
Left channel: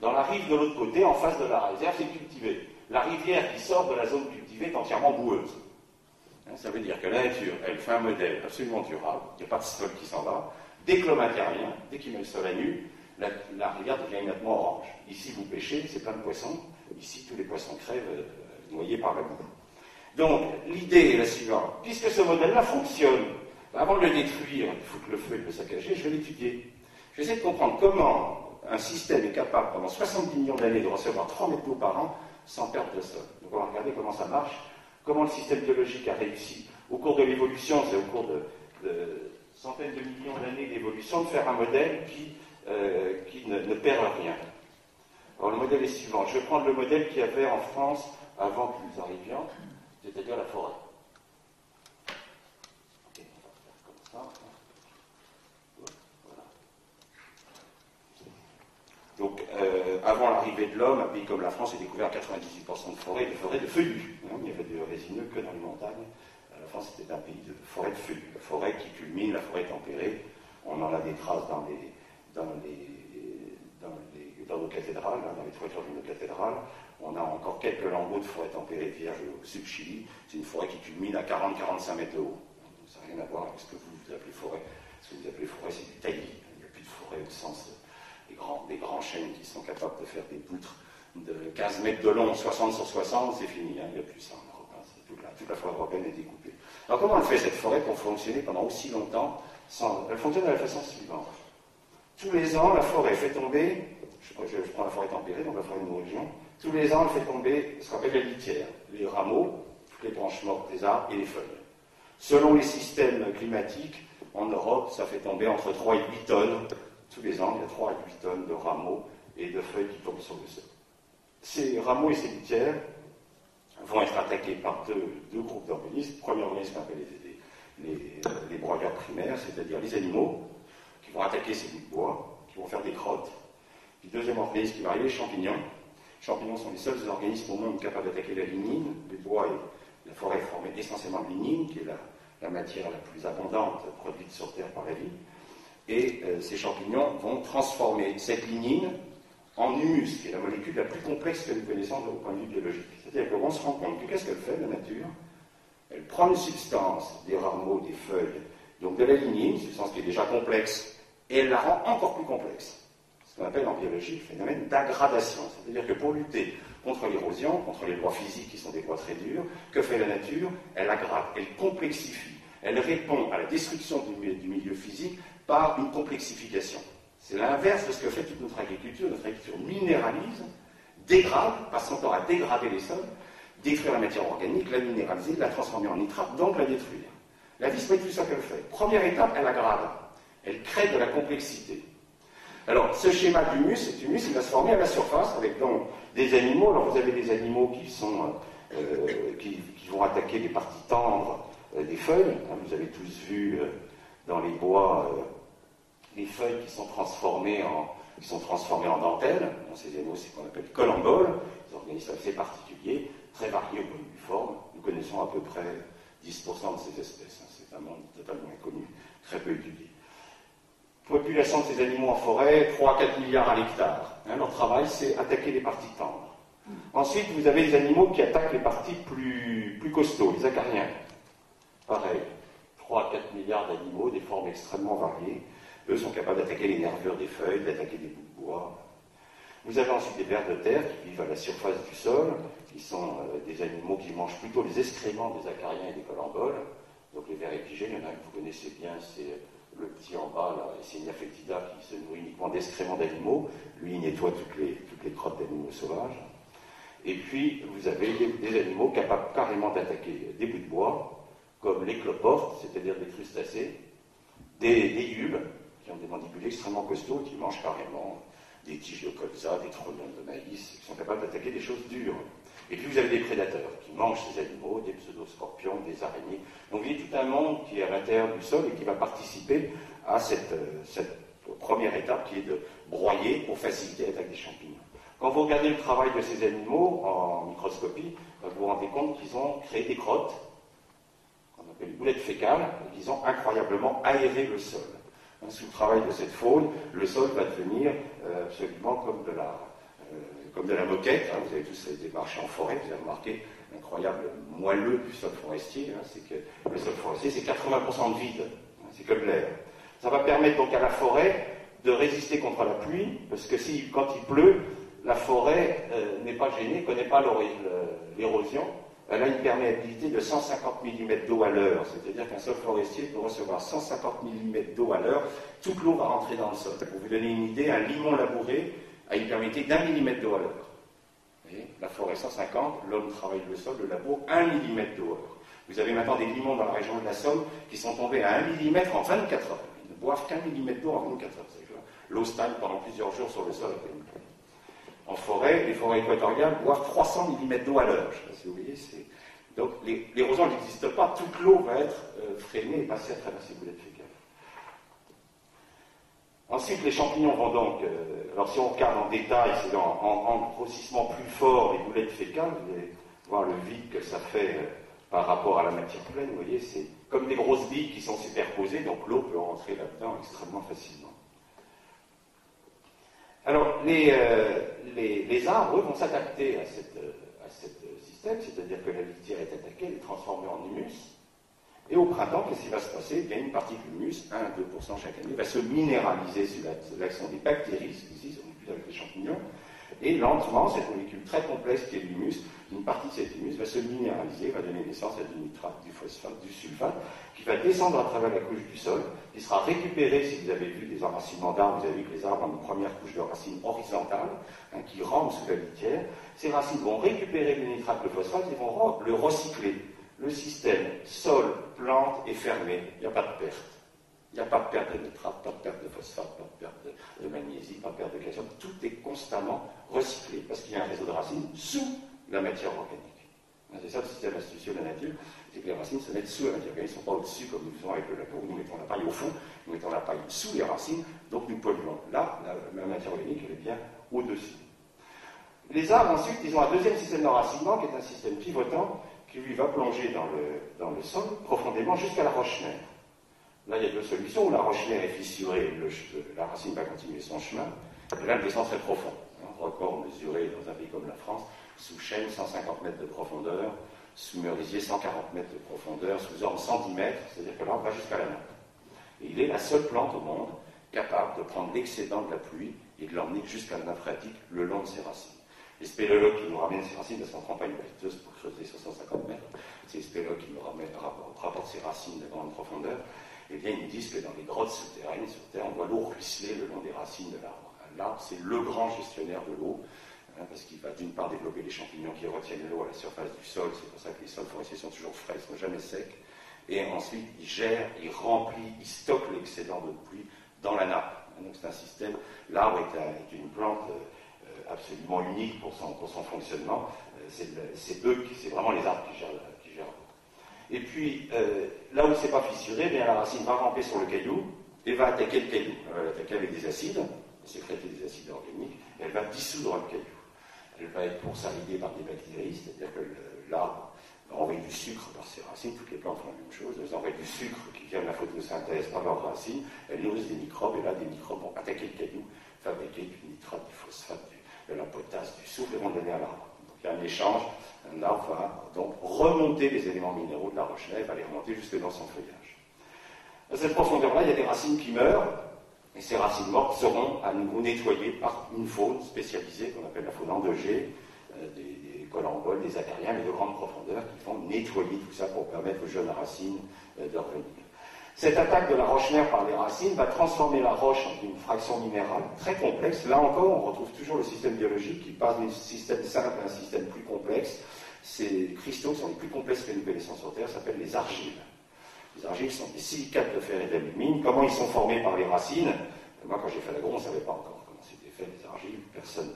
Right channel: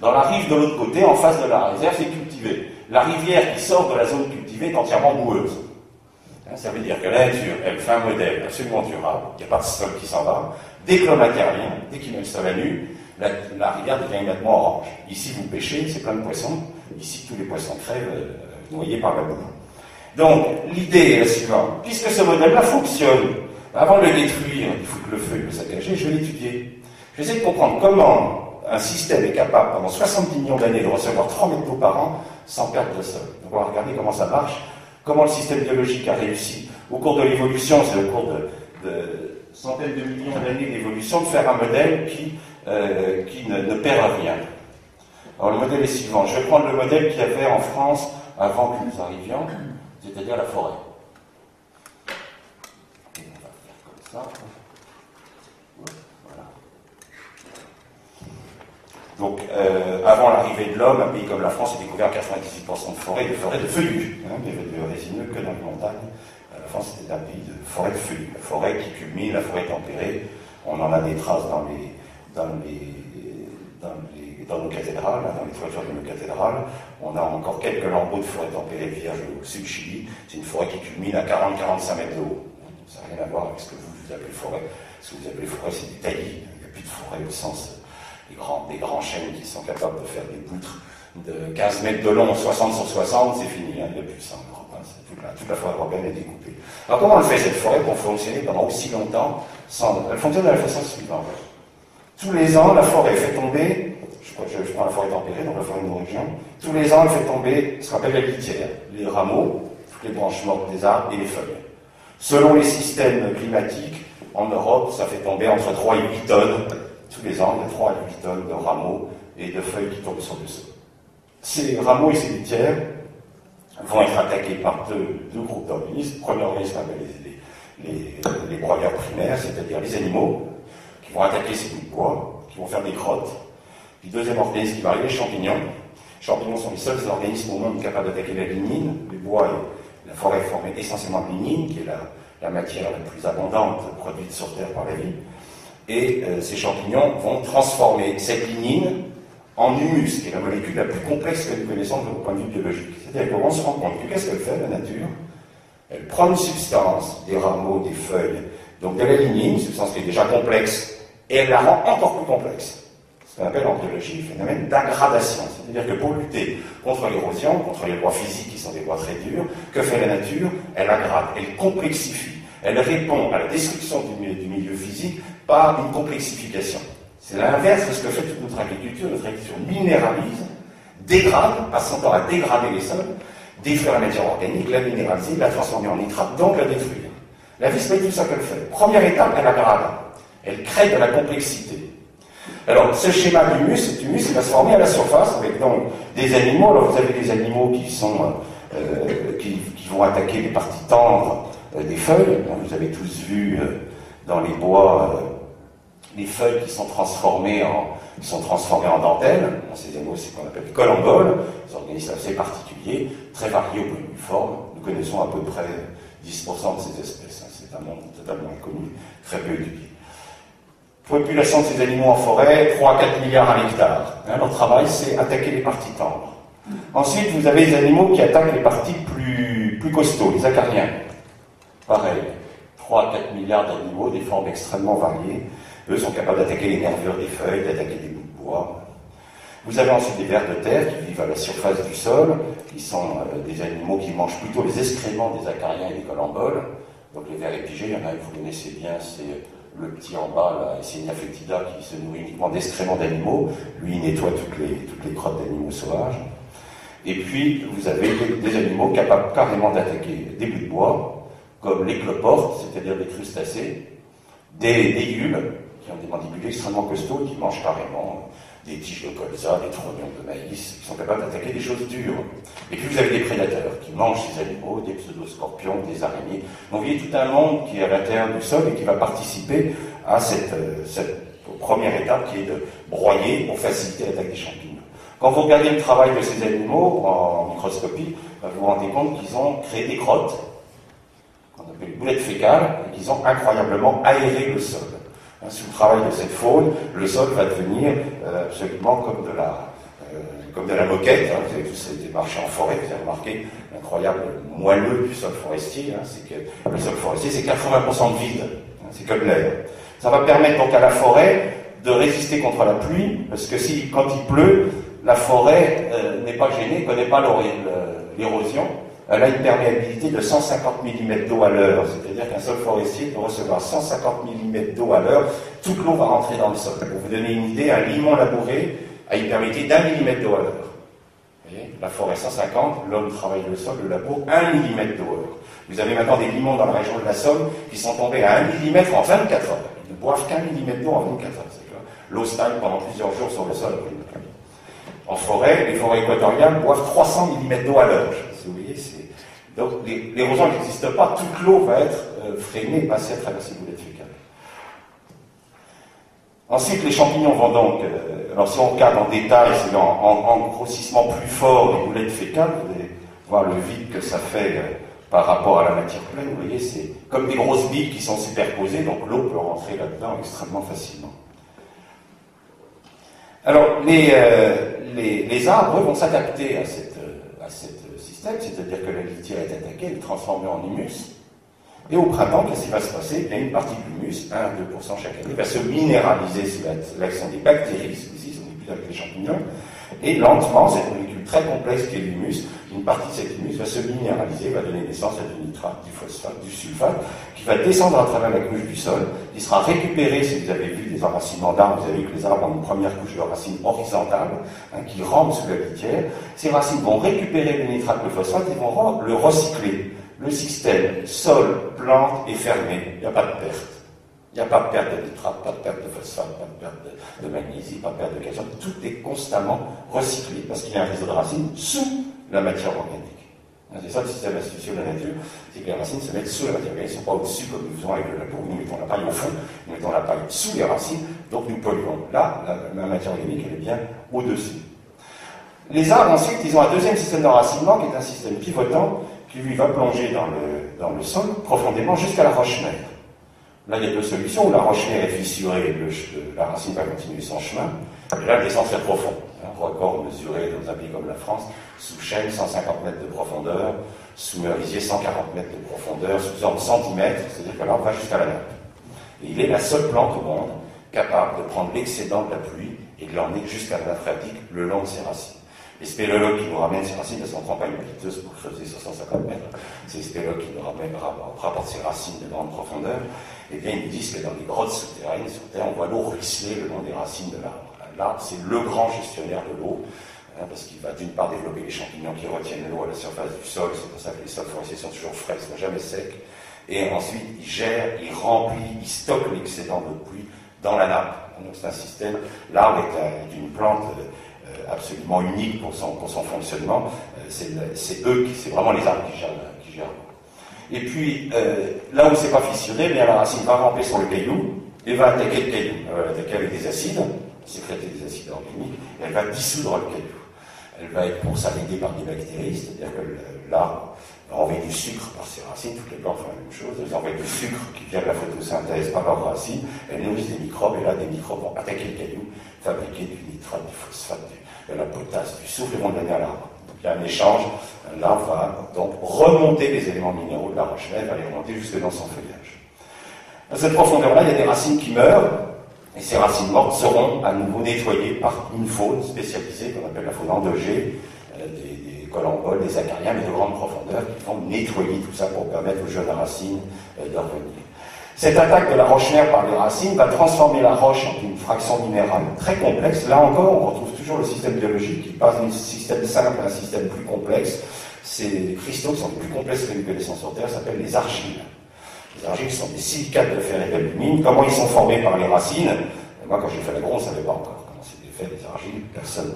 Dans la rive de l'autre côté, en face de la réserve, c'est cultivé. La rivière qui sort de la zone cultivée est entièrement boueuse. Ça veut dire que la nature, elle fait un modèle absolument durable, il n'y a pas de sol qui s'en va. Dès que l'homme intervient, dès qu'il met le sol à nu, la rivière devient immédiatement orange. Ici, vous pêchez, c'est plein de poissons. Ici, tous les poissons crèvent, noyés par la boue. Donc, l'idée est la suivante. Puisque ce modèle-là fonctionne, avant de le détruire, il faut que le feu le saccager, je vais l'étudier. Je vais essayer de comprendre comment un système est capable, pendant 70 millions d'années, de recevoir 3 mètres d'eau par an sans perdre de sol. Donc, on va regarder comment ça marche, comment le système biologique a réussi, au cours de l'évolution, c'est au cours de centaines de millions d'années d'évolution, de faire un modèle qui ne perd rien. Alors, le modèle est suivant. Je vais prendre le modèle qu'il y avait en France avant que nous arrivions, c'est-à-dire la forêt. Et on va faire comme ça. Voilà. Donc, avant l'arrivée de l'homme, un pays comme la France était couvert à 98% de forêts de feuillus. Il y avait de résineux que dans les montagnes. La France était un pays de forêt de feuillus. La forêt qui culmine, la forêt tempérée. On en a des traces dans nos cathédrales, dans les toitures de nos cathédrales. On a encore quelques lambeaux de forêt tempérée vierge au sud Chili. C'est une forêt qui culmine à 40-45 mètres de haut. Ça n'a rien à voir avec ce que vous appelez forêt. Ce que vous appelez forêt, c'est du taillis. Il n'y a plus de forêt au sens des grands chênes qui sont capables de faire des poutres de 15 mètres de long, 60 sur 60, c'est fini. Il n'y a plus ça en Europe. Toute la forêt européenne est découpée. Alors comment on fait cette forêt pour fonctionner pendant aussi longtemps Elle fonctionne de la façon suivante. Tous les ans, la forêt fait tomber, je prends la forêt tempérée, donc la forêt de nos régions, tous les ans, elle fait tomber ce qu'on appelle la litière, les rameaux, toutes les branches mortes des arbres et les feuilles. Selon les systèmes climatiques, en Europe, ça fait tomber entre 3 et 8 tonnes, tous les ans, il y a 3 à 8 tonnes de rameaux et de feuilles qui tombent sur le sol. Ces rameaux et ces litières vont être attaqués par deux groupes d'organismes. Le premier organisme appelle les broyeurs primaires, c'est-à-dire les animaux, qui vont attaquer ces bouts de bois, qui vont faire des crottes. Puis deuxième organisme qui va arriver, les champignons. Les champignons sont les seuls organismes au monde capables d'attaquer la lignine. Les bois et la forêt est formée essentiellement de lignine, qui est la matière la plus abondante produite sur Terre par la vie. Et ces champignons vont transformer cette lignine en humus, qui est la molécule la plus complexe que nous connaissons de point de vue biologique. C'est-à-dire qu'on se rend compte que qu'est-ce qu'elle fait, la nature? Elle prend une substance, des rameaux, des feuilles, donc de la lignine, une substance qui est déjà complexe, et elle la rend encore plus complexe. Ce qu'on appelle en biologie le phénomène d'aggradation. C'est-à-dire que pour lutter contre l'érosion, contre les lois physiques qui sont des lois très dures, que fait la nature? Elle aggrade, elle complexifie. Elle répond à la destruction du milieu physique par une complexification. C'est l'inverse de ce que fait toute notre agriculture. Notre agriculture minéralise, dégrade, passe son temps à dégrader les sols, détruire la matière organique, la minéraliser, la transformer en nitrate, donc la détruire. La vie, c'est tout ça qu'elle fait. Première étape, elle aggrave. Elle crée de la complexité. Alors, ce schéma d'humus, cet humus, il va se former à la surface avec donc des animaux. Alors, vous avez des animaux qui vont attaquer les parties tendres des feuilles. Vous avez tous vu dans les bois les feuilles qui sont transformées en dentelle. Ces animaux, c'est ce qu'on appelle des colamboles, des organismes assez particuliers, très variés au point de vue forme. Nous connaissons à peu près 10% de ces espèces. C'est un monde totalement inconnu, très peu étudié. Population de ces animaux en forêt, 3 à 4 milliards à l'hectare. Leur travail, c'est attaquer les parties tendres. Ensuite, vous avez les animaux qui attaquent les parties plus costauds, les acariens. Pareil, 3 à 4 milliards d'animaux, des formes extrêmement variées. Eux sont capables d'attaquer les nervures des feuilles, d'attaquer des bouts de bois. Vous avez ensuite des vers de terre qui vivent à la surface du sol, qui sont des animaux qui mangent plutôt les excréments des acariens et des colamboles. Donc les vers épigés, il y en a que vous connaissez bien, c'est le petit en bas, là, Eisenia foetida, qui se nourrit uniquement d'excréments d'animaux. Lui, il nettoie toutes les crottes d'animaux sauvages. Et puis, vous avez des animaux capables carrément d'attaquer des bouts de bois, comme les cloportes, c'est-à-dire des crustacés, des gules, qui ont des mandibules extrêmement costauds, qui mangent carrément des tiges de colza, des trognons de maïs, qui sont capables d'attaquer des choses dures. Et puis vous avez des prédateurs qui mangent ces animaux, des pseudoscorpions, des araignées. Donc vous voyez tout un monde qui est à l'intérieur du sol et qui va participer à cette première étape qui est de broyer pour faciliter l'attaque des champignons. Quand vous regardez le travail de ces animaux en microscopie, vous vous rendez compte qu'ils ont créé des crottes, qu'on appelle les boulettes fécales, et qu'ils ont incroyablement aéré le sol. Sous le travail de cette faune, le sol va devenir absolument comme de la moquette. Vous avez tous été marchés en forêt, vous avez remarqué l'incroyable moelleux du sol forestier. C'est que le sol forestier, c'est 80% de vide, c'est comme l'air. Ça va permettre donc à la forêt de résister contre la pluie, parce que quand il pleut, la forêt n'est pas gênée, ne connaît pas l'érosion. Elle a une perméabilité de 150 mm d'eau à l'heure, c'est-à-dire qu'un sol forestier peut recevoir 150 mm d'eau à l'heure, toute l'eau va rentrer dans le sol. Pour vous donner une idée, un limon labouré a une perméabilité d'1 mm d'eau à l'heure. La forêt 150, l'homme travaille le sol, le labour, 1 mm d'eau à l'heure. Vous avez maintenant des limons dans la région de la Somme qui sont tombés à 1 mm en 24 heures. Ils ne boivent qu'1 mm d'eau en 24 heures. L'eau stagne pendant plusieurs jours sur le sol après une pluie. En forêt, les forêts équatoriales boivent 300 mm d'eau à l'heure. Vous voyez, donc l'érosion n'existe pas, toute l'eau va être freinée, passée à travers ces boulettes fécales. Ensuite, les champignons vont donc, alors si on regarde en détail, c'est en grossissement plus fort les boulettes fécales, vous allez voir le vide que ça fait par rapport à la matière pleine. Vous voyez, c'est comme des grosses billes qui sont superposées, donc l'eau peut rentrer là-dedans extrêmement facilement. Alors, les arbres vont s'adapter à ce système, c'est-à-dire que la litière est attaquée, elle est transformée en humus, et au printemps, qu'est-ce qui va se passer? Une partie de l'humus, 1 à 2% chaque année, va se minéraliser sous l'action des bactéries, ici, on n'est plus avec les champignons, et lentement, cette molécule très complexe qui est l'humus, une partie de cet humus va se minéraliser, va donner naissance à du nitrate, du phosphate, du sulfate, qui va descendre à travers la couche du sol, qui sera récupéré, si vous avez vu des enracinements d'arbres, vous avez vu que les arbres ont une première couche de racines horizontales, qui rampent sous la litière. Ces racines vont récupérer le nitrate, le phosphate, et vont le recycler. Le système sol, plante est fermé, il n'y a pas de perte. Il n'y a pas de perte de nitrate, pas de perte de phosphate, pas de perte de magnésie, pas de perte de calcium. Tout est constamment recyclé parce qu'il y a un réseau de racines sous la matière organique. C'est ça le système astucieux de la nature, c'est que les racines se mettent sous la matière organique, ils ne sont pas au-dessus comme nous faisons avec le labour. Nous mettons la paille au fond, nous mettons la paille sous les racines, donc nous polluons. Là, la matière organique, elle est bien au-dessus. Les arbres, ensuite, ils ont un deuxième système d'enracinement qui est un système pivotant qui, lui, va plonger dans le sol profondément jusqu'à la roche-mère. Là, il y a deux solutions. La roche-mère est fissurée, la racine va continuer son chemin. Et là, le descend très profond. Un record mesuré dans un pays comme la France, sous chêne, 150 mètres de profondeur, sous merisier, 140 mètres de profondeur, sous orme, 110 mètres, c'est-à-dire que là, on va jusqu'à la nappe. Et il est la seule plante au monde capable de prendre l'excédent de la pluie et de l'emmener jusqu'à la nappe phréatique le long de ses racines. Les spéléologues qui nous ramènent ces racines, parce qu'on ne prend pas une piteuse pour creuser sur 150 mètres, c'est les spéléologues qui nous rapportent ces racines de grande profondeur, et bien ils nous disent que dans les grottes souterraines, sur Terre, on voit l'eau ruisseler le long des racines de l'arbre. L'arbre, c'est le grand gestionnaire de l'eau. parce qu'il va d'une part développer les champignons qui retiennent l'eau à la surface du sol, c'est pour ça que les sols forestiers sont toujours frais, ils ne sont jamais secs, et ensuite il gère, il remplit, il stocke l'excédent d'eau de pluie dans la nappe. Donc c'est un système, l'arbre est une plante absolument unique pour son fonctionnement, c'est vraiment les arbres qui gèrent l'eau. Et puis, là où c'est pas fissuré, bien la racine va ramper sur le caillou, et va attaquer le caillou, elle va attaquer avec des acides, sécréter des acides organiques, et elle va dissoudre le caillou. Elle va être consolidée par des bactéries, c'est-à-dire que l'arbre va envoyer du sucre par ses racines, toutes les plantes font la même chose, elles envoient du sucre qui vient de la photosynthèse par leurs racines, elles nourrissent des microbes, et là des microbes vont attaquer le caillou, fabriquer du nitrate, du phosphate, de la potasse, du soufre, et vont le donner à l'arbre. Donc il y a un échange, l'arbre va donc remonter les éléments minéraux de la roche-mère, va les remonter jusque dans son feuillage. À cette profondeur-là, il y a des racines qui meurent, et ces racines mortes seront à nouveau nettoyées par une faune spécialisée, qu'on appelle la faune endogée, des colamboles, des acariens, mais de grande profondeur, qui vont nettoyer tout ça pour permettre aux jeunes racines de revenir. Cette attaque de la roche-mère par les racines va transformer la roche en une fraction minérale très complexe. Là encore, on retrouve toujours le système biologique qui passe d'un système simple à un système plus complexe. Ces cristaux qui sont les plus complexes que nous connaissons sur Terre s'appellent les argiles. Les argiles sont des silicates de fer et d'alumine. Comment ils sont formés par les racines? Moi, quand j'ai fait l'agro, on ne savait pas encore comment c'était fait, les argiles. Personne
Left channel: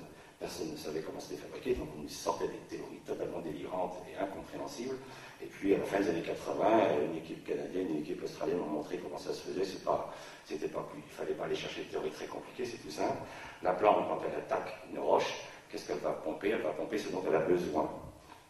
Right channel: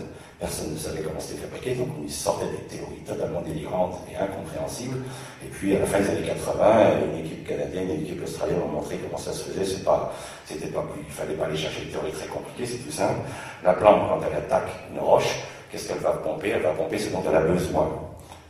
ne savait comment c'était fabriqué, donc on sortait des théories totalement délirantes et incompréhensibles. Et puis, à la fin des années 80, une équipe canadienne et une équipe australienne ont montré comment ça se faisait. Il ne fallait pas aller chercher des théories très compliquées, c'est tout simple. La plante, quand elle attaque une roche, qu'est-ce qu'elle va pomper? Elle va pomper ce dont elle a besoin.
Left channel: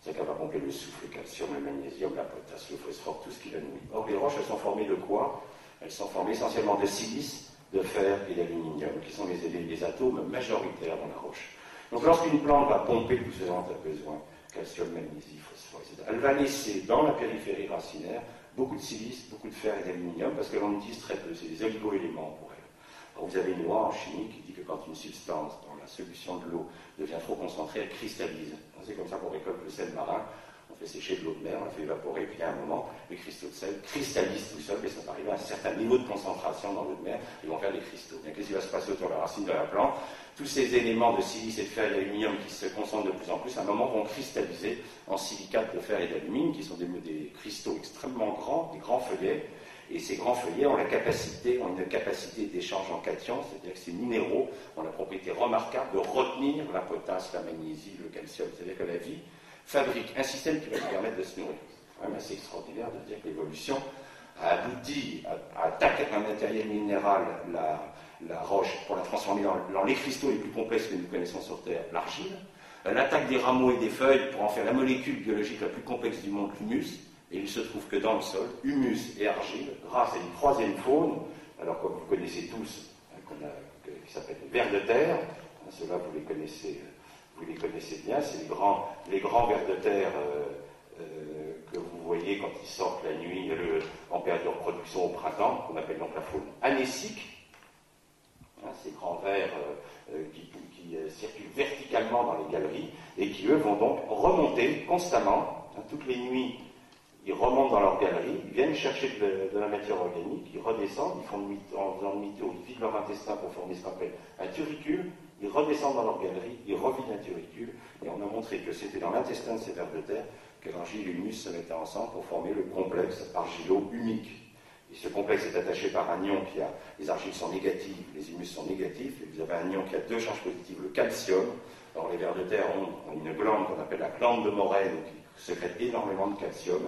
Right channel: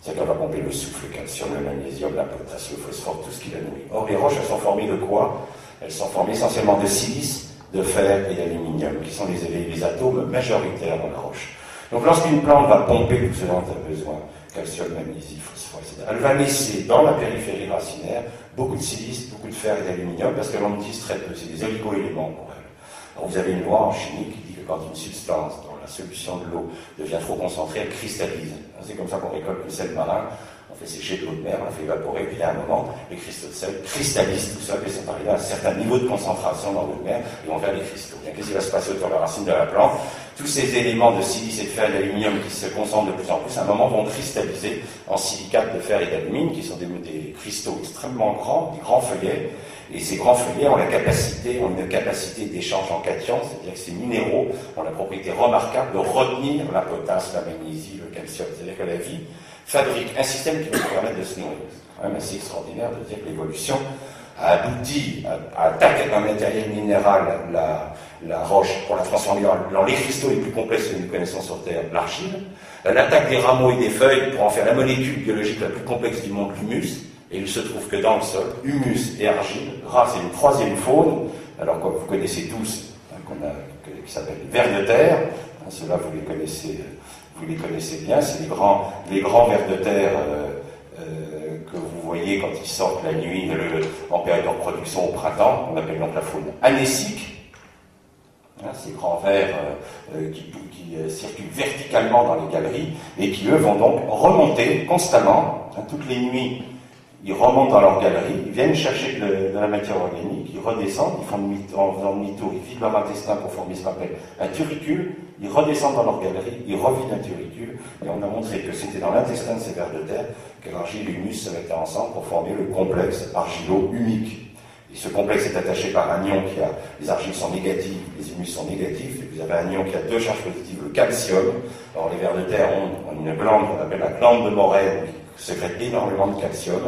C'est-à-dire qu'elle va pomper le soufre, le calcium, le magnésium, la potasse, le phosphore, tout ce qui la nourrit. Or, les roches, elles sont formées de quoi? Elles sont formées essentiellement de silice, de fer et d'aluminium, qui sont les atomes majoritaires dans la roche. Donc, lorsqu'une plante va pomper tout ce dont elle a besoin, calcium, magnésium, phosphore, etc., elle va laisser dans la périphérie racinaire beaucoup de silice, beaucoup de fer et d'aluminium, parce que l'on utilise très peu, c'est des oligo-éléments pour elle. Alors, vous avez une loi en chimie qui dit que quand une substance dans la solution de l'eau devient trop concentrée, elle cristallise. C'est comme ça qu'on récolte le sel marin, on fait sécher de l'eau de mer, on fait évaporer, puis à un moment, les cristaux de sel cristallisent tout seul, et sont arrivés à un certain niveau de concentration dans l'eau de mer, et vont faire des cristaux. Bien, qu'est-ce qui va se passer autour de la racine de la plante? Tous ces éléments de silice et de fer et d'aluminium qui se concentrent de plus en plus, à un moment, vont cristalliser en silicates de fer et d'alumine, qui sont des cristaux extrêmement grands, des grands feuillets. Et ces grands feuillets ont une capacité d'échange en cations, c'est-à-dire que ces minéraux ont la propriété remarquable de retenir la potasse, la magnésie, le calcium. C'est-à-dire que la vie fabrique un système qui va nous permettre de se nourrir. C'est quand même assez extraordinaire de dire que l'évolution a abouti à attaquer un matériel minéral, la roche, pour la transformer dans les cristaux les plus complexes que nous connaissons sur Terre, l'argile. Elle attaque des rameaux et des feuilles pour en faire la molécule biologique la plus complexe du monde, l'humus. Et il se trouve que dans le sol, humus et argile, grâce à une troisième faune, alors que vous connaissez tous, qui s'appelle les vers de terre, ceux-là vous les connaissez bien, c'est les grands vers de terre que vous voyez quand ils sortent la nuit en période de reproduction au printemps, on appelle donc la faune anécique. Ces grands vers qui circulent verticalement dans les galeries et qui, eux, vont donc remonter constamment, toutes les nuits. Ils remontent dans leur galerie, ils viennent chercher de la matière organique, ils redescendent, en faisant demi-tour, ils vident leur intestin pour former ce qu'on appelle un turricule, ils redescendent dans leur galerie, ils revident un turricule, et on a montré que c'était dans l'intestin de ces vers de terre que l'argile et l'humus se mettaient ensemble pour former le complexe argilo-humique. Et ce complexe est attaché par un ion les argiles sont négatives, les humus sont négatifs, et vous avez un ion qui a deux charges positives, le calcium. Alors les vers de terre ont une glande qu'on appelle la glande de Morène, sécrète énormément de calcium,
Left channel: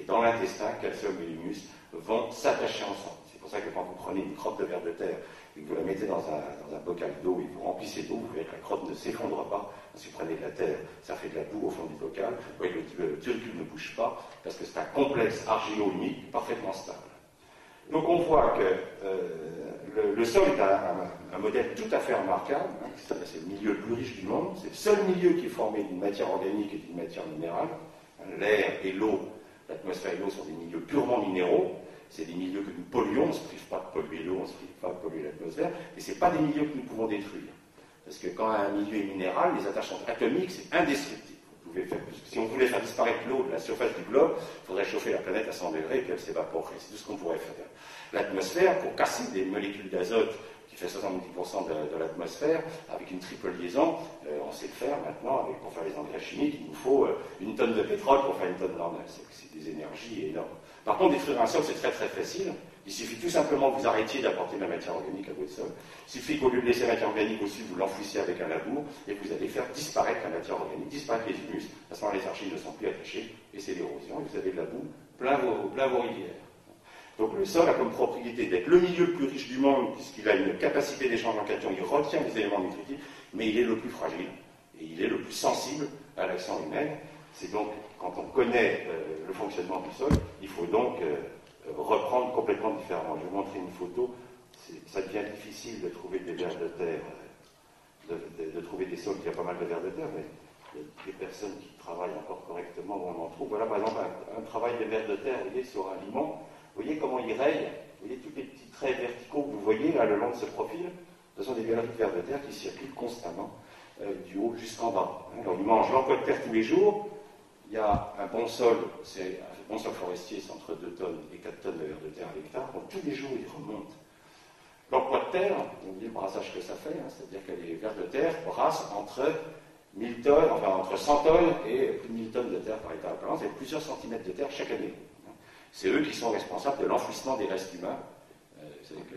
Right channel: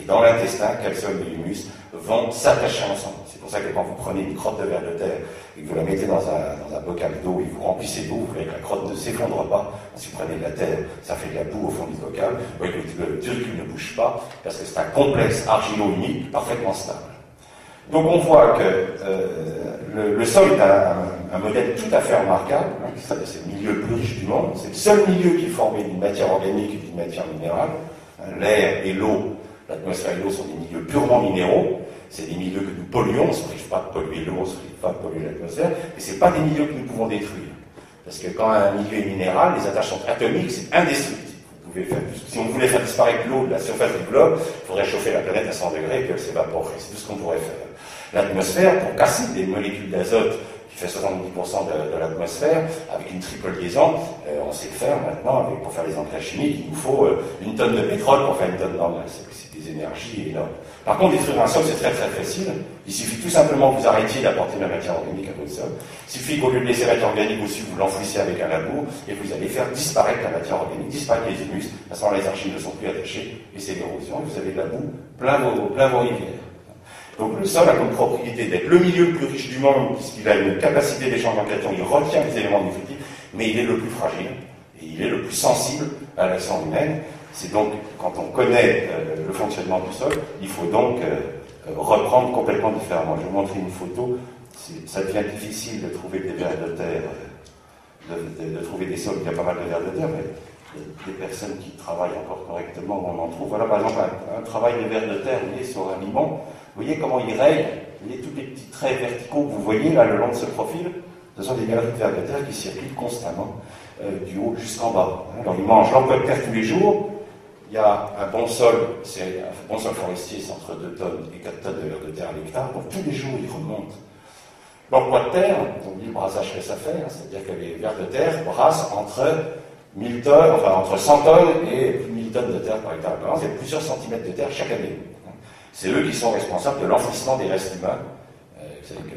et dans l'intestin, calcium et humus vont s'attacher ensemble. C'est pour ça que quand vous prenez une crotte de ver de terre et que vous la mettez dans un bocal d'eau et vous remplissez d'eau, vous voyez que la crotte ne s'effondre pas. Si vous prenez de la terre, ça fait de la boue au fond du bocal. Vous voyez que le turricule ne bouge pas, parce que c'est un complexe argilo-humique parfaitement stable. Donc on voit que le sol est un modèle tout à fait remarquable, c'est le milieu le plus riche du monde, c'est le seul milieu qui est formé d'une matière organique et d'une matière minérale. L'air et l'eau, l'atmosphère et l'eau sont des milieux purement minéraux, c'est des milieux que nous polluons, on ne se prive pas de polluer l'eau, on ne se prive pas de polluer l'atmosphère, mais ce n'est pas des milieux que nous pouvons détruire. Parce que quand un milieu est minéral, les attaches sont atomiques, c'est indestructible. Si on voulait faire disparaître l'eau de la surface du globe, il faudrait chauffer la planète à 100 degrés et qu'elle s'évaporerait. C'est tout ce qu'on pourrait faire. L'atmosphère, pour casser des molécules d'azote qui qui fait 70% de l'atmosphère, avec une triple liaison, on sait le faire maintenant, pour faire les engrais chimiques, il nous faut une tonne de pétrole pour faire une tonne normale. C'est des énergies énormes. Par contre, détruire un sol, c'est très très facile. Il suffit tout simplement que vous arrêtiez d'apporter de la matière organique à votre sol. Il suffit qu'au lieu de laisser la matière organique au-dessus, vous l'enfouissiez avec un labour, et vous allez faire disparaître la matière organique, disparaître les humus, à ce moment les archives ne sont plus attachées, et c'est l'érosion, et vous avez de la boue plein vos rivières. Donc le sol a comme propriété d'être le milieu le plus riche du monde, puisqu'il a une capacité d'échange en cations, il retient les éléments nutritifs, mais il est le plus fragile, et il est le plus sensible à l'action humaine. C'est donc, quand on connaît le fonctionnement du sol, il faut donc reprendre complètement différemment. Je vais vous montrer une photo. Ça devient difficile de trouver des vers de terre, de trouver des sols, il y a pas mal de vers de terre, mais des personnes qui travaillent encore correctement, on en trouve. Voilà par exemple un travail de vers de terre, vous voyez, sur un limon. Vous voyez comment il raye, vous voyez tous les petits traits verticaux que vous voyez là le long de ce profil, ce sont des galeries de vers de terre qui circulent constamment du haut jusqu'en bas. Alors ils mangent l'emploi de terre tous les jours. Il y a un bon sol, c'est un bon sol forestier, c'est entre 2 tonnes et 4 tonnes de vers de terre à l'hectare, donc tous les jours ils remontent. L'emploi de terre, on dit le brassage que ça fait, c'est-à-dire que les vers de terre brassent entre 1000 tonnes, enfin entre 100 tonnes et plus de 1000 tonnes de terre par hectare. Il y a plusieurs centimètres de terre chaque année. C'est eux qui sont responsables de l'enfouissement des restes humains. Vous savez que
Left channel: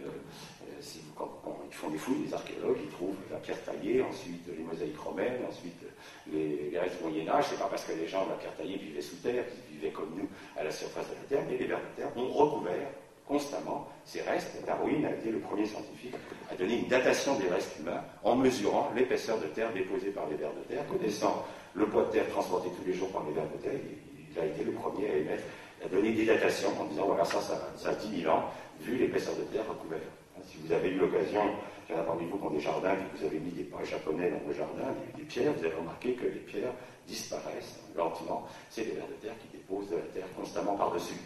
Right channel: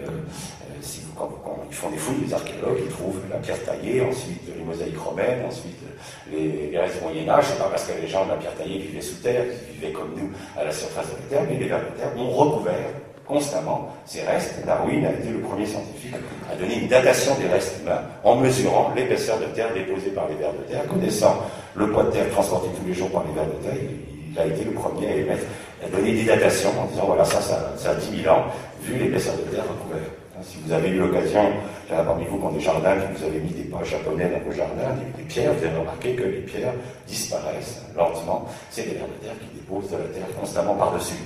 quand ils font des fouilles, les archéologues, ils trouvent la pierre taillée, ensuite les mosaïques romaines, ensuite les restes du Moyen-Âge. C'est pas parce que les gens de la pierre taillée vivaient sous terre, ils vivaient comme nous à la surface de la terre, mais les vers de terre ont recouvert constamment ces restes. Darwin a été le premier scientifique à donner une datation des restes humains en mesurant l'épaisseur de terre déposée par les vers de terre, connaissant le poids de terre transporté tous les jours par les vers de terre. Il a été le premier à donner des datations en disant voilà, ça a 10 000 ans, vu l'épaisseur de terre recouverte. Si vous avez eu l'occasion, il y en a parmi vous qui ont des jardins, que vous avez mis des poches japonais dans vos jardins, des pierres, vous avez remarqué que les pierres disparaissent lentement. C'est des vers de terre qui déposent de la terre constamment par-dessus.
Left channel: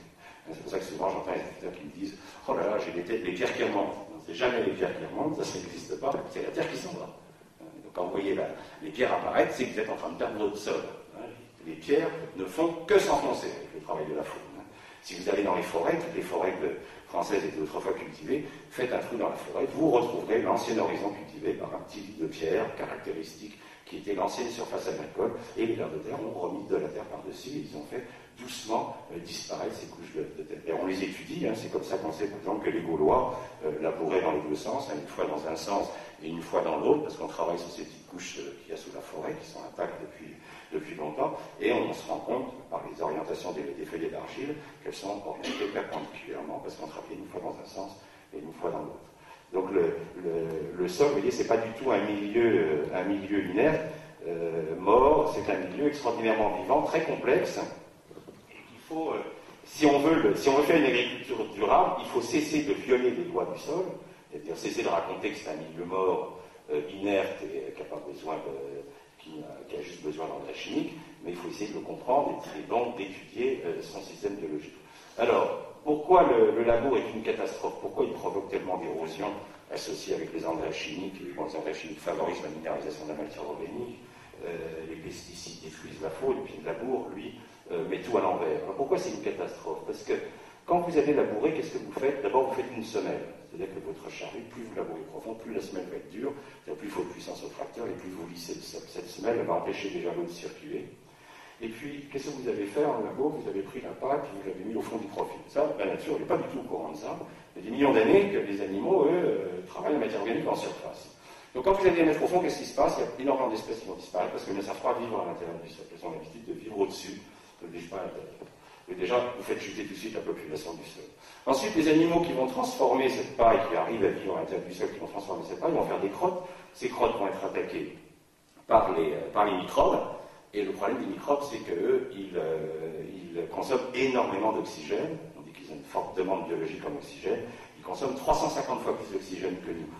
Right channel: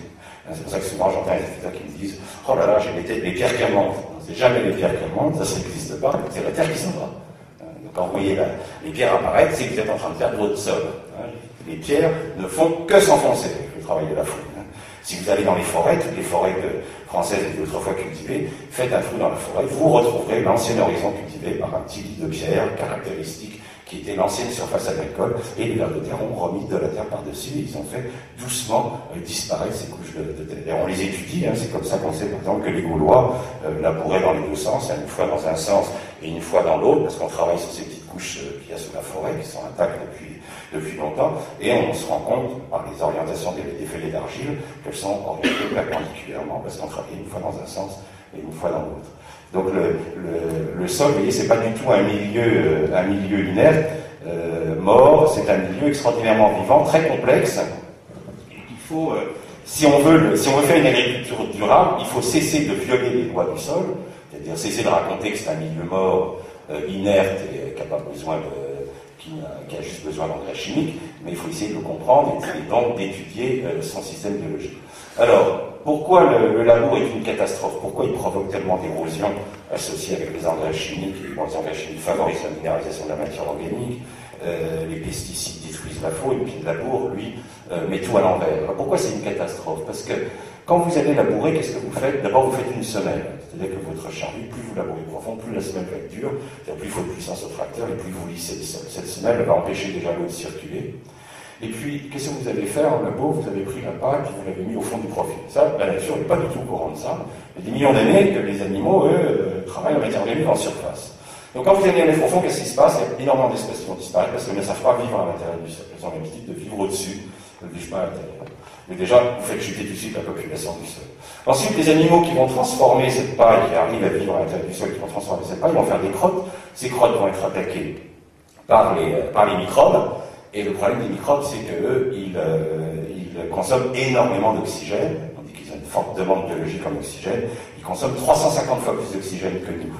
C'est pour ça que souvent j'entends les visiteurs qui me disent oh là là, j'ai les pierres qui remontent. C'est jamais les pierres qui remontent, ça n'existe pas, c'est la terre qui s'en va. Donc quand vous voyez les pierres apparaître, c'est que vous êtes en train de perdre votre sol. Les pierres ne font que s'enfoncer avec le travail de la fouille. Si vous allez dans les forêts, toutes les forêts françaises étaient autrefois cultivées, faites un trou dans la forêt, vous retrouverez l'ancien horizon cultivé par un petit lit de pierre caractéristique qui était l'ancienne surface agricole, et les vers de terre ont remis de la terre par-dessus, et ils ont fait doucement disparaître ces couches de terre. Et on les étudie, c'est comme ça qu'on sait par exemple que les Gaulois labouraient dans les deux sens, une fois dans un sens et une fois dans l'autre, parce qu'on travaille sur ces petites couches qu'il y a sous la forêt, qui sont intactes depuis longtemps, et on se rend compte, par les orientations des feuillets d'argile, qu'elles sont orientées perpendiculairement, parce qu'on travaille une fois dans un sens et une fois dans l'autre. Donc le sol, vous voyez, c'est pas du tout un milieu inerte, mort, c'est un milieu extraordinairement vivant, très complexe. Il faut, si on veut faire une agriculture durable, il faut cesser de violer les lois du sol, c'est-à-dire cesser de raconter que c'est un milieu mort, inerte et qui n'a pas besoin qui a juste besoin d'engrais chimiques, mais il faut essayer de le comprendre et donc d'étudier son système biologique. Alors, pourquoi le labour est une catastrophe? Pourquoi il provoque tellement d'érosion associée avec les engrais chimiques? Les engrais chimiques favorisent la minéralisation de la matière organique, les pesticides détruisent la faune, et puis le labour, lui, met tout à l'envers. Alors pourquoi c'est une catastrophe? Parce que quand vous allez labourer, qu'est-ce que vous faites? D'abord, vous faites une semelle. C'est-à-dire que votre charrue, plus vous labourez profond, plus la semelle va être dure, plus il faut de puissance au tracteur, et plus vous lissez le sol. Cette semelle va empêcher déjà l'eau de circuler. Et puis, qu'est-ce que vous avez fait en labo? Vous avez pris la pâte et vous l'avez mis au fond du profil. Ça, la nature n'est pas du tout au courant de ça. Il y a des millions d'années que les animaux, eux, travaillent la matière organique en surface. Donc quand vous allez aller au fond, qu'est-ce qui se passe? Il y a énormément d'espèces qui vont disparaître parce qu'elles ne savent pas vivre à l'intérieur du sol. Elles ont l'habitude de vivre au-dessus, du chemin à l'intérieur. Mais déjà, vous faites chuter tout de suite la population du sol. Ensuite, les animaux qui vont transformer cette paille, qui arrivent à vivre à l'intérieur du sol, qui vont transformer cette paille, vont faire des crottes. Ces crottes vont être attaquées par les microbes. Et le problème des microbes, c'est qu'eux, ils consomment énormément d'oxygène. On dit qu'ils ont une forte demande biologique en oxygène. Ils consomment 350 fois plus d'oxygène que nous.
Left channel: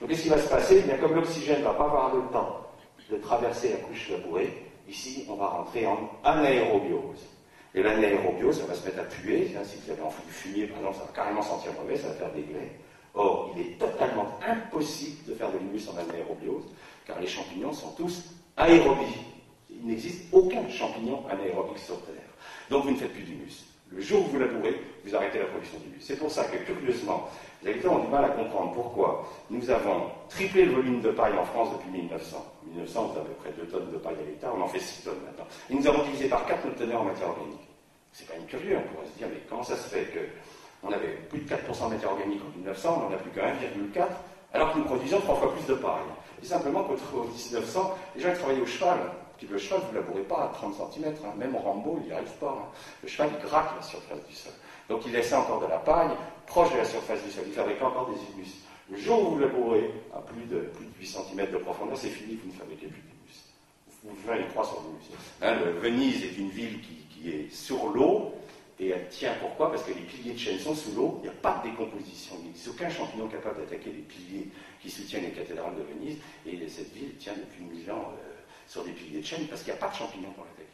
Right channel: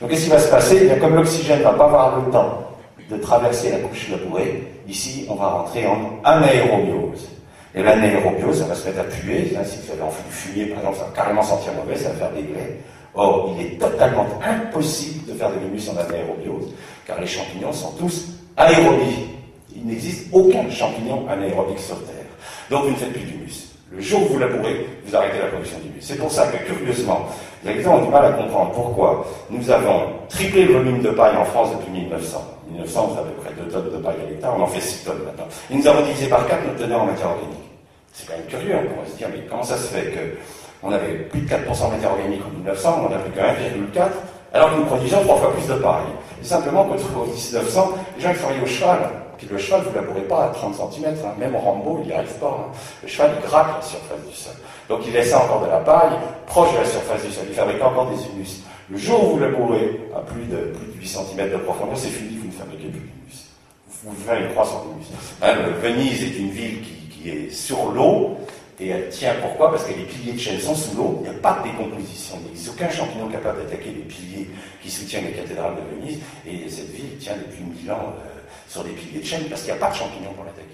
Donc, qu'est-ce qui va se passer? Eh bien, comme l'oxygène ne va pas avoir le temps de traverser la couche labourée, ici, on va rentrer en anaérobiose. Et l'anaérobiose, ça va se mettre à puer. Si vous avez envie de fumer, par exemple, ça va carrément sentir mauvais, ça va faire des glaies. Or, il est totalement impossible de faire de l'humus en anaérobiose, car les champignons sont tous aérobies. Il n'existe aucun champignon anaérobique sur Terre. Donc vous ne faites plus d'humus. Le jour où vous labourez, vous arrêtez la production d'humus. C'est pour ça que, curieusement, les agriculteurs ont du mal à comprendre pourquoi nous avons triplé le volume de paille en France depuis 1900. 1900, c'est à peu près 2 tonnes de paille à l'hectare, on en fait 6 tonnes maintenant. Et nous avons divisé par 4 notre teneur en matière organique. C'est quand même curieux, on pourrait se dire, mais comment ça se fait qu'on avait plus de 4% de matière organique en 1900, on n'a plus que 1,4%, alors que nous produisons 3 fois plus de paille. Et simplement, quand en 1900, les gens qui travaillaient au cheval, puis le cheval, vous ne labourez pas à 30 cm, hein. Même Rambo, il n'y arrive pas. Hein. Le cheval, il gratte la surface du sol. Donc il laissait encore de la paille proche de la surface du sol. Il fabriquait encore des humus. Le jour où vous labourez à plus de 8 cm de profondeur, c'est fini, vous ne fabriquez plus d'humus. Vous faites une croissance d'humus. Hein, Venise est une ville qui est sur l'eau, et elle tient pourquoi? Parce que les piliers de chêne sont sous l'eau, il n'y a pas de décomposition, il n'existe aucun champignon capable d'attaquer les piliers qui soutiennent les cathédrales de Venise, et cette ville tient depuis 1000 ans sur des piliers de chêne parce qu'il n'y a pas de champignons pour l'attaquer.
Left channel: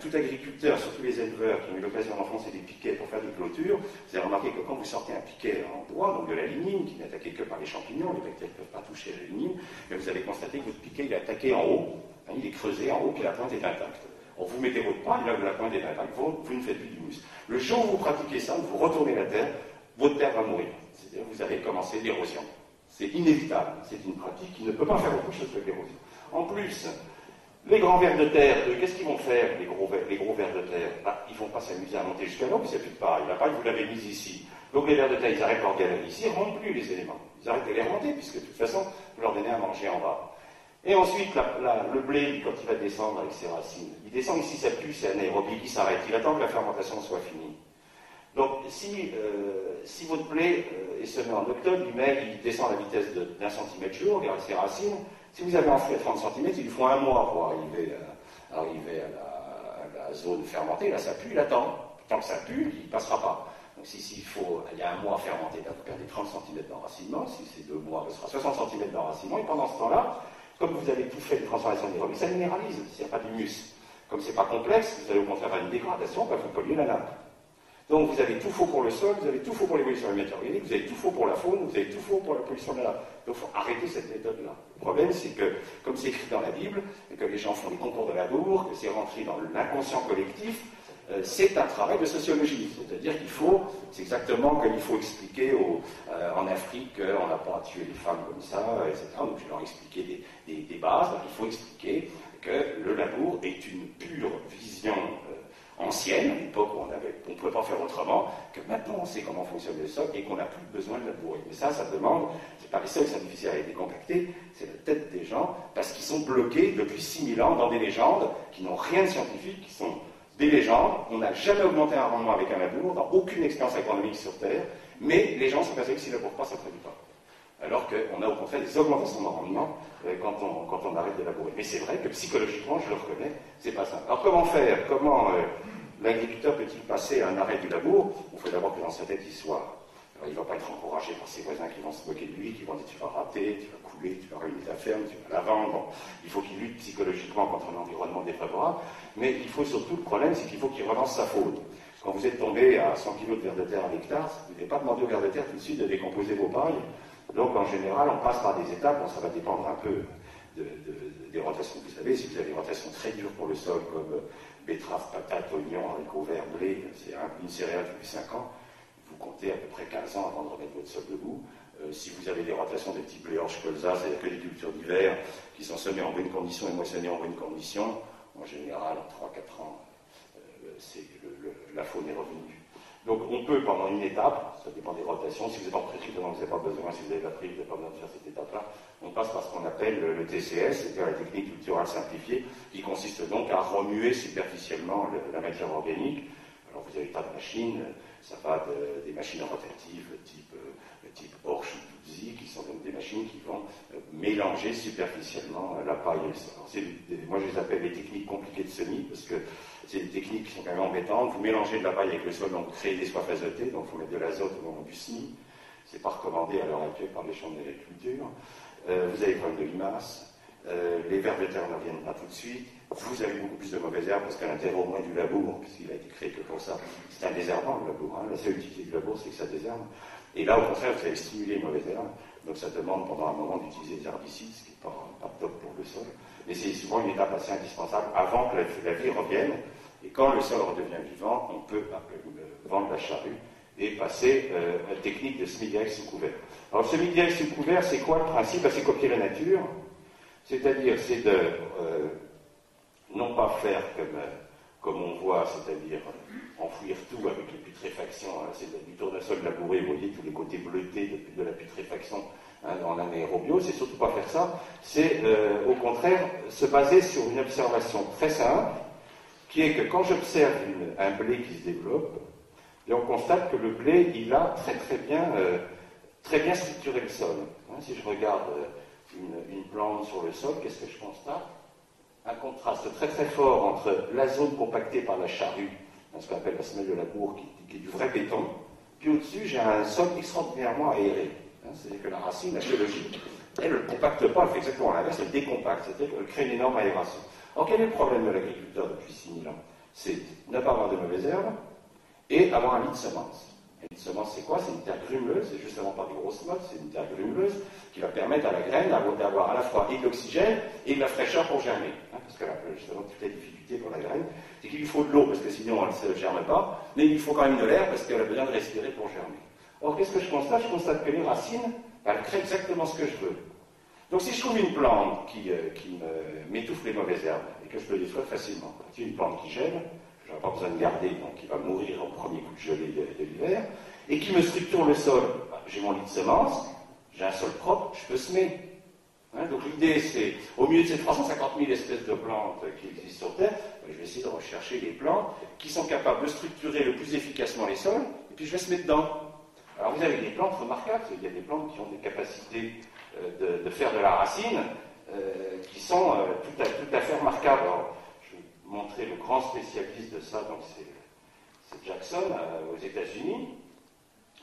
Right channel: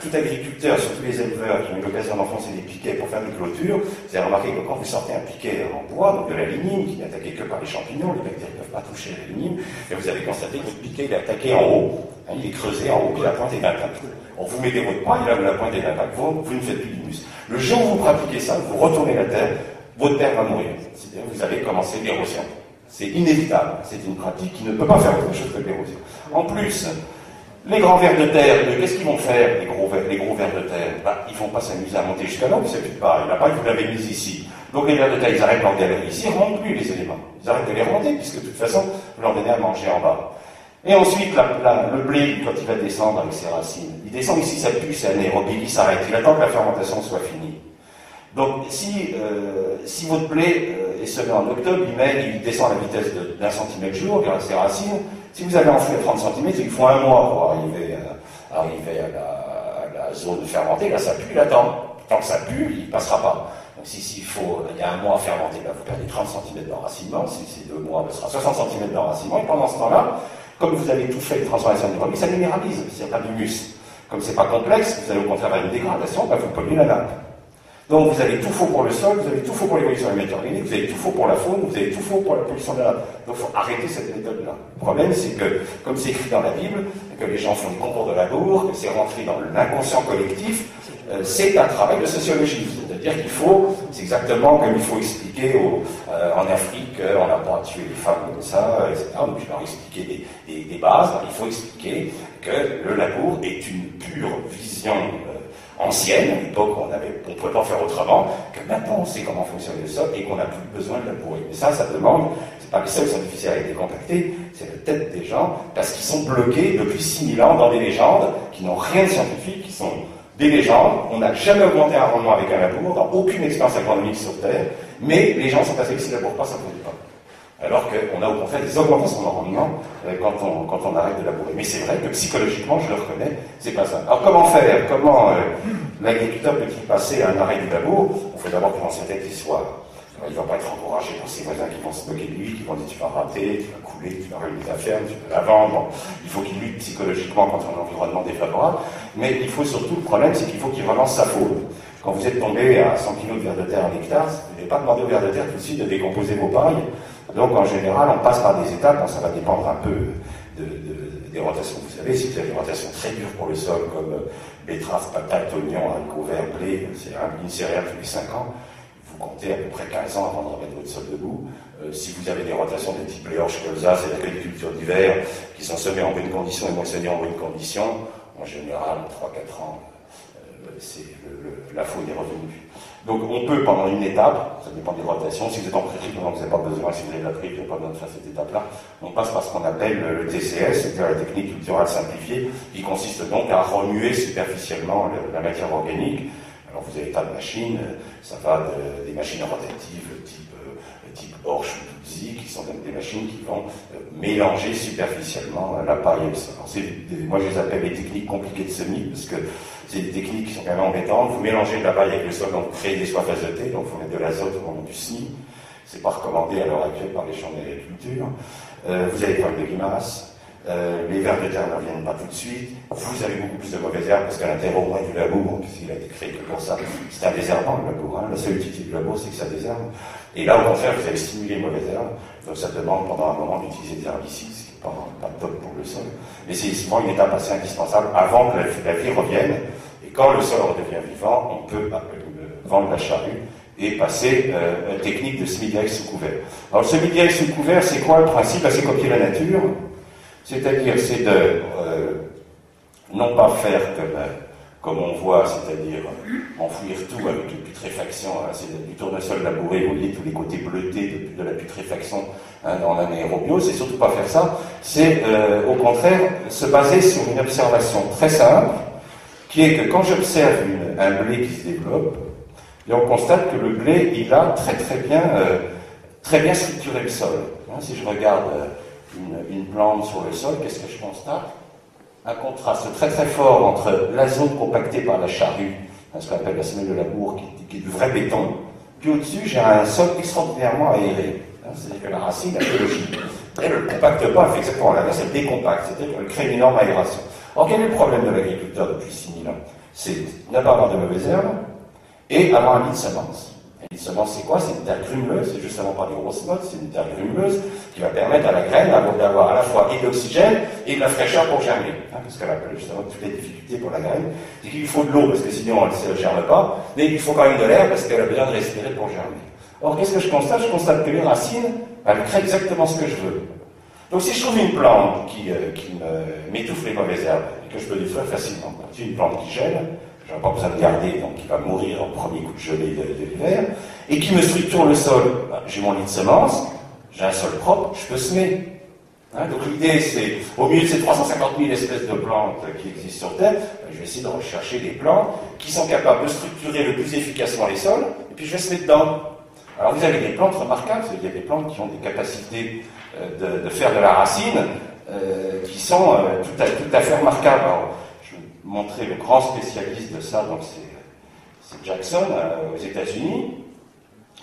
Tout agriculteur, surtout les éleveurs qui ont eu l'occasion d'enfoncer des piquets pour faire des clôtures, vous avez remarqué que quand vous sortez un piquet en bois, donc de la lignine, qui n'est attaqué que par les champignons, les bactéries ne peuvent pas toucher la lignine, et vous avez constaté que votre piquet il est attaqué en haut, hein, il est creusé en haut, que la pointe est intacte. Or, vous mettez votre paille, là où la pointe est intacte, vous ne faites plus d'humus. Le jour où vous pratiquez ça, vous retournez la terre, votre terre va mourir. C'est-à-dire que vous allez commencer l'érosion. C'est inévitable, c'est une pratique qui ne peut pas faire autre chose que l'érosion. En plus, les grands vers de terre, qu'est-ce qu'ils vont faire, les gros vers de terre? Ils ne vont pas s'amuser à monter jusqu'à là, vous ne savez plus de paille. La paille, vous l'avez mise ici. Donc les vers de terre, ils arrêtent leur galerie ici, ils ne remontent plus les éléments. Ils arrêtent de les remonter, puisque de toute façon, vous leur donnez à manger en bas. Et ensuite, le blé, quand il va descendre avec ses racines, il descend ici, ça pue, c'est anaérobie, il s'arrête. Il attend que la fermentation soit finie. Donc, si votre blé est semé en octobre, il descend à la vitesse d'1 cm jour grâce à ses racines. Si vous avez enfoui à 30 cm, il faut 1 mois pour arriver à la zone fermentée. Là, ça pue, il attend. Tant que ça pue, il ne passera pas. Donc, il y a 1 mois à fermenter, vous perdez 30 cm d'enracinement. Si c'est 2 mois, ce sera 60 cm d'enracinement. Et pendant ce temps-là, comme vous avez tout fait, les transformations anaérobies, ça minéralise, s'il n'y a pas d'humus. Comme ce n'est pas complexe, vous allez au contraire avoir une dégradation, vous polluez la nappe. Donc vous avez tout faux pour le sol, vous avez tout faux pour l'évolution de la matière organique, vous avez tout faux pour la faune, vous avez tout faux pour la pollution de la nappe. Donc il faut arrêter cette méthode-là. Le problème, c'est que, comme c'est écrit dans la Bible, que les gens font des concours de labour, que c'est rentré dans l'inconscient collectif, c'est un travail de sociologie. C'est-à-dire qu'il faut, c'est exactement comme il faut expliquer en Afrique, on n'a pas tué les femmes comme ça, etc. Donc il faut leur expliquer des bases. Il faut expliquer que le labour est une pure vision ancienne, à l'époque on ne pouvait pas faire autrement, que maintenant on sait comment fonctionne le sol et qu'on n'a plus besoin de labourer. Mais ça demande, c'est pas les sols qui sont difficiles à être décompactés, c'est la tête des gens, parce qu'ils sont bloqués depuis 6000 ans dans des légendes qui n'ont rien de scientifique, qui sont des légendes. On n'a jamais augmenté un rendement avec un labour, dans aucune expérience agronomique sur Terre, mais les gens sont persuadés que s'ils ne labourent pas, ça ne produit pas. Alors qu'on a au contraire des augmentations de rendement quand on arrête de labourer. Mais c'est vrai que psychologiquement, je le reconnais, c'est pas ça. Alors comment faire? Comment l'agriculteur peut-il passer à un arrêt du labour? Il faut d'abord que dans sa tête il soit. Il ne va pas être encouragé par ses voisins qui vont se moquer de lui, qui vont dire tu vas rater, tu vas couler, tu vas ruiner ta ferme, tu vas la vendre. Il faut qu'il lutte psychologiquement contre un environnement défavorable. Mais il faut surtout, le problème, c'est qu'il faut qu'il relance sa faune. Quand vous êtes tombé à 100 kg de vers de terre à l'hectare, vous n'avez pas demandé au vers de terre tout de suite de décomposer vos pailles. Donc en général, on passe par des étapes, ça va dépendre un peu des rotations. Vous savez, si vous avez des rotations très dures pour le sol, comme betterave, patate, oignon, haricots verts, blé, c'est une céréale tous les 5 ans, vous comptez à peu près 15 ans avant de remettre votre sol debout. Si vous avez des rotations de type blé, orge, colza, c'est-à-dire que des cultures d'hiver qui sont semées en bonnes conditions et moissonnées en bonnes conditions, en général, en 3-4 ans, la faune est revenue. Donc on peut, pendant une étape, ça dépend des rotations, si vous êtes en prairie, vous n'avez pas besoin, si vous avez de la prairie, vous n'avez pas besoin de faire cette étape-là, on passe par ce qu'on appelle le TCS, c'est-à-dire la technique culturale simplifiée, qui consiste donc à remuer superficiellement la matière organique. Alors vous avez tas de machines, ça va des machines rotatives type Horsch ou Tutsi, qui sont donc des machines qui vont mélanger superficiellement la paille et le sol. Moi je les appelle les techniques compliquées de semis, parce que c'est des techniques qui sont quand même embêtantes. Vous mélangez de la paille avec le sol, donc vous créez des soifs azotées, donc il faut mettre de l'azote au moment du semis. C'est pas recommandé à l'heure actuelle par les champs d'agriculture. Vous avez des problèmes de limaces. Les vers de terre ne reviennent pas tout de suite. Vous avez beaucoup plus de mauvaises herbes parce qu'à l'intérieur au moins du labour, puisqu'il a été créé que pour ça. C'est un désherbant le labour. La seule utilité du labour, c'est que ça désherbe. Et là, au contraire, vous allez stimuler les mauvaises herbes. Donc ça demande pendant un moment d'utiliser des herbicides, ce qui n'est pas top pour le sol. Mais c'est souvent une étape assez indispensable avant que la vie revienne. Et quand le sol redevient vivant, on peut vendre la charrue et passer à une technique de semi-direct sous couvert. Alors, le semi-direct sous couvert, c'est quoi le principe? C'est copier la nature, c'est-à-dire, c'est de non pas faire comme on voit, c'est-à-dire enfouir tout avec une putréfaction, hein, c'est du tournesol labouré, vous voyez tous les côtés bleutés de la putréfaction hein, dans l'anaérobio, c'est surtout pas faire ça, c'est au contraire se baser sur une observation très simple, qui est que quand j'observe un blé qui se développe, et on constate que le blé, il a très bien structuré le sol. Hein, si je regarde une plante sur le sol, qu'est-ce que je constate? Un contraste très très fort entre la zone compactée par la charrue, hein, ce qu'on appelle la semelle de labour, qui est du vrai béton, puis au-dessus, j'ai un sol extraordinairement aéré. Hein, c'est-à-dire que la racine, elle est logique. Elle ne le compacte pas, elle fait exactement l'inverse, elle décompacte, c'est-à-dire qu'elle crée une énorme aération. Alors quel est le problème de l'agriculteur depuis 6000 ans? C'est ne pas avoir de mauvaises herbes et avoir un lit de semences. Un lit de semences, c'est quoi? C'est une terre grumeleuse, c'est justement pas des grosses mottes, c'est une terre grumeleuse qui va permettre à la graine d'avoir à la fois et de l'oxygène et de la fraîcheur pour germer. Hein, parce qu'elle a justement toutes les difficultés pour la graine. C'est qu'il lui faut de l'eau parce que sinon elle ne germe pas, mais il lui faut quand même de l'air parce qu'elle a besoin de respirer pour germer. Or, qu'est-ce que je constate? Je constate que les racines, elles créent exactement ce que je veux. Donc si je trouve une plante qui m'étouffe les mauvaises herbes et que je peux détruire facilement, c'est une plante qui gèle, je n'ai pas besoin de garder, donc qui va mourir au premier coup de gelée de l'hiver, et qui me structure le sol, j'ai mon lit de semences, j'ai un sol propre, je peux semer. Hein, donc l'idée c'est, au milieu de ces 350 000 espèces de plantes qui existent sur Terre, je vais essayer de rechercher des plantes qui sont capables de structurer le plus efficacement les sols, et puis je vais semer dedans. Alors vous avez des plantes remarquables, il y a des plantes qui ont des capacités de faire de la racine qui sont tout à fait remarquables. Alors, je vais vous montrer le grand spécialiste de ça, donc c'est Jackson aux États-Unis.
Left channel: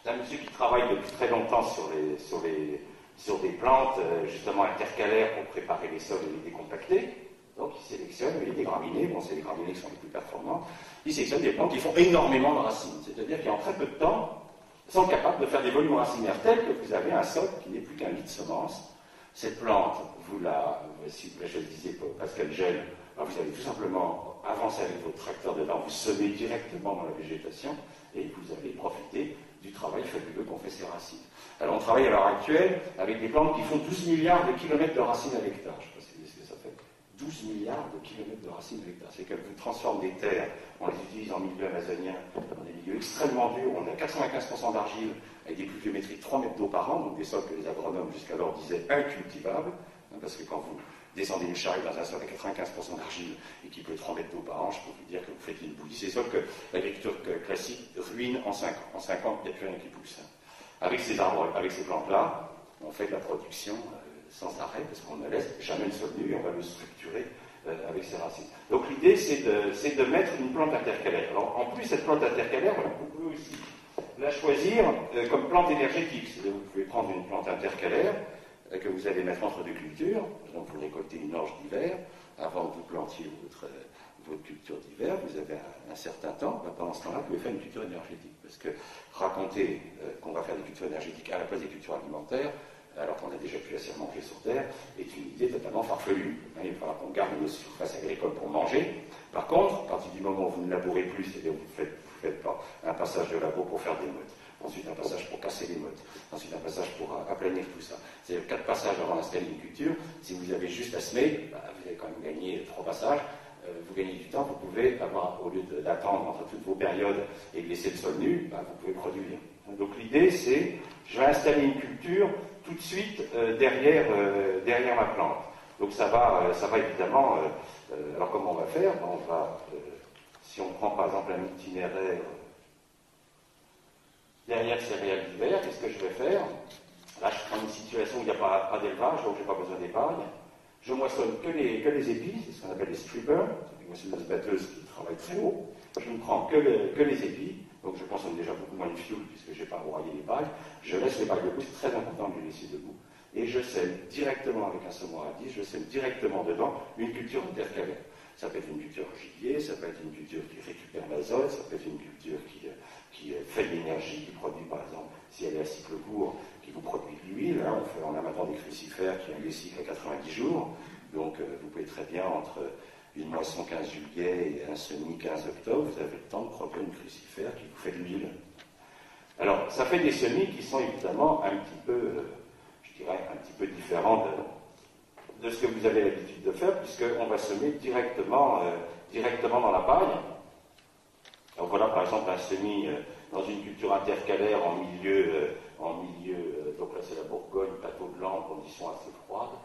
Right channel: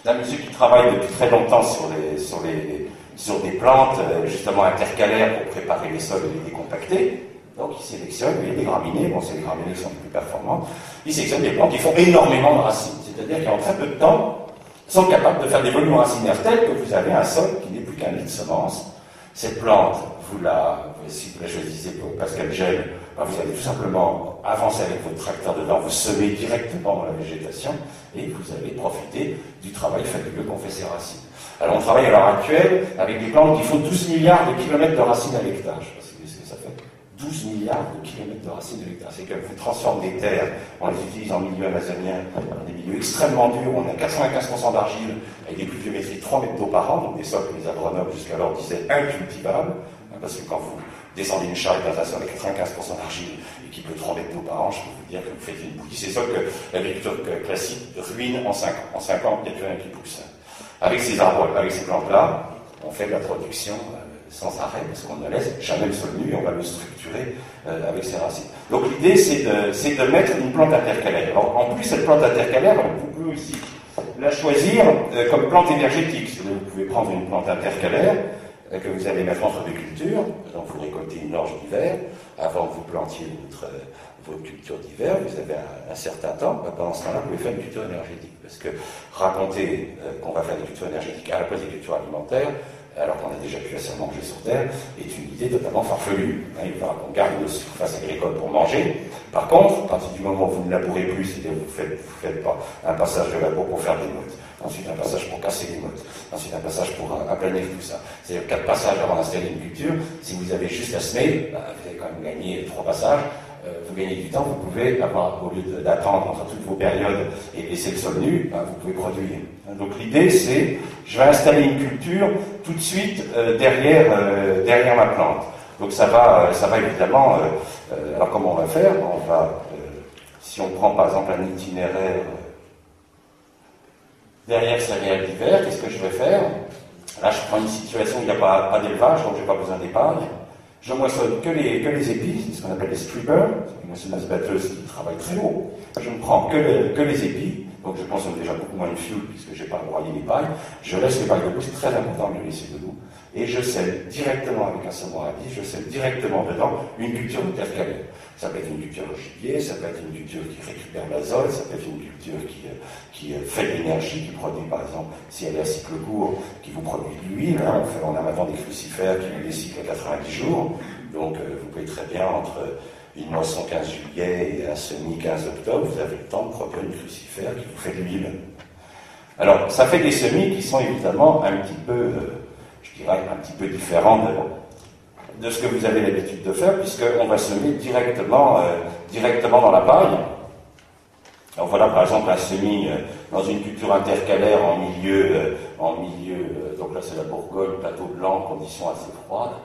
C'est un monsieur qui travaille depuis très longtemps sur des plantes justement intercalaires pour préparer les sols et les décompacter. Donc il sélectionne des graminées, bon c'est les graminées qui sont les plus performantes, il sélectionne des plantes qui font énormément de racines, c'est-à-dire qu'en très peu de temps, sont capables de faire des volumes racinaires tels que vous avez un sol qui n'est plus qu'un lit de semences. Cette plante, si vous la choisissez parce qu'elle gèle, vous allez tout simplement avancer avec votre tracteur dedans, vous semez directement dans la végétation et vous allez profiter du travail fabuleux qu'ont fait ces racines. Alors on travaille à l'heure actuelle avec des plantes qui font 12 milliards de kilomètres de racines à l'hectare. Je ne sais pas si vous savez ce que ça fait. 12 milliards de kilomètres de racines à l'hectare. C'est qu'elles vous transforment des terres, on les utilise en milieu amazonien, dans des milieux extrêmement durs, on a 95% d'argile, avec des pluviométries de 3 mètres d'eau par an, donc des sols que les agronomes jusqu'alors disaient incultivables, parce que quand vous descendez une charrue dans un sol avec 95% d'argile et qui pleut 3 mètres d'eau par an, je peux vous dire que vous faites une bouillie. C'est ça que l'agriculture classique ruine en 5 ans. En 5 ans, il n'y a plus rien qui pousse. Avec ces arbres, avec ces plantes-là, on fait de la production sans arrêt, parce qu'on ne laisse jamais le sol nu et on va le structurer avec ses racines. Donc l'idée, c'est de mettre une plante intercalaire. Alors, en plus, cette plante intercalaire, vous pouvez aussi la choisir comme plante énergétique. Vous pouvez prendre une plante intercalaire que vous allez mettre entre deux cultures, donc vous récoltez une orge d'hiver, avant que vous plantiez votre culture d'hiver, vous avez un certain temps, pendant ce temps-là, vous pouvez faire une culture énergétique. Parce que raconter qu'on va faire des cultures énergétiques à la place des cultures alimentaires, alors qu'on a déjà pu assez manger sur Terre, est une idée totalement farfelue. Il va qu'on garde nos surfaces agricoles pour manger. Par contre, à partir du moment où vous ne labourez plus, c'est-à-dire que vous faites pas un passage de labour pour faire des mottes, ensuite un passage pour casser les mottes, ensuite un passage pour aplanir tout ça. C'est-à-dire 4 passages avant d'installer une culture. Si vous avez juste à semer, vous avez quand même gagné 3 passages. Vous gagnez du temps, vous pouvez avoir, au lieu d'attendre entre toutes vos périodes et laisser le sol nu, vous pouvez produire. Donc l'idée c'est, je vais installer une culture tout de suite derrière ma plante. Donc ça va évidemment, alors comment on va faire? Si on prend par exemple un itinéraire derrière céréales d'hiver, qu'est-ce que je vais faire? Là je prends une situation où il n'y a pas d'élevage, donc je n'ai pas besoin d'épargne. Je moissonne que les épis, c'est ce qu'on appelle les strippers, c'est une moissonneuse batteuse qui travaille très haut. Je ne prends que les épis, donc je consomme déjà beaucoup moins de fuel puisque je n'ai pas broyé les pailles. Je laisse les pailles debout, c'est très important de les laisser debout. Et je sème directement avec un semoir à vis, je sème directement dedans une culture intercalaire. Ça peut être une culture au gibier, ça peut être une culture qui récupère l'azote, ça peut être une culture qui fait de l'énergie, qui produit par exemple, si elle est à cycle court, qui vous produit de l'huile. On a maintenant des crucifères qui ont des cycles à 90 jours, donc vous pouvez très bien entre une moisson 15 juillet et un semis 15 octobre, vous avez le temps de produire une crucifère qui vous fait de l'huile. Alors, ça fait des semis qui sont évidemment un petit peu, je dirais, un petit peu différents de ce que vous avez l'habitude de faire, puisqu'on va semer directement dans la paille. Alors voilà par exemple un semis dans une culture intercalaire en milieu, donc là c'est la Bourgogne, plateau blanc, conditions assez froides.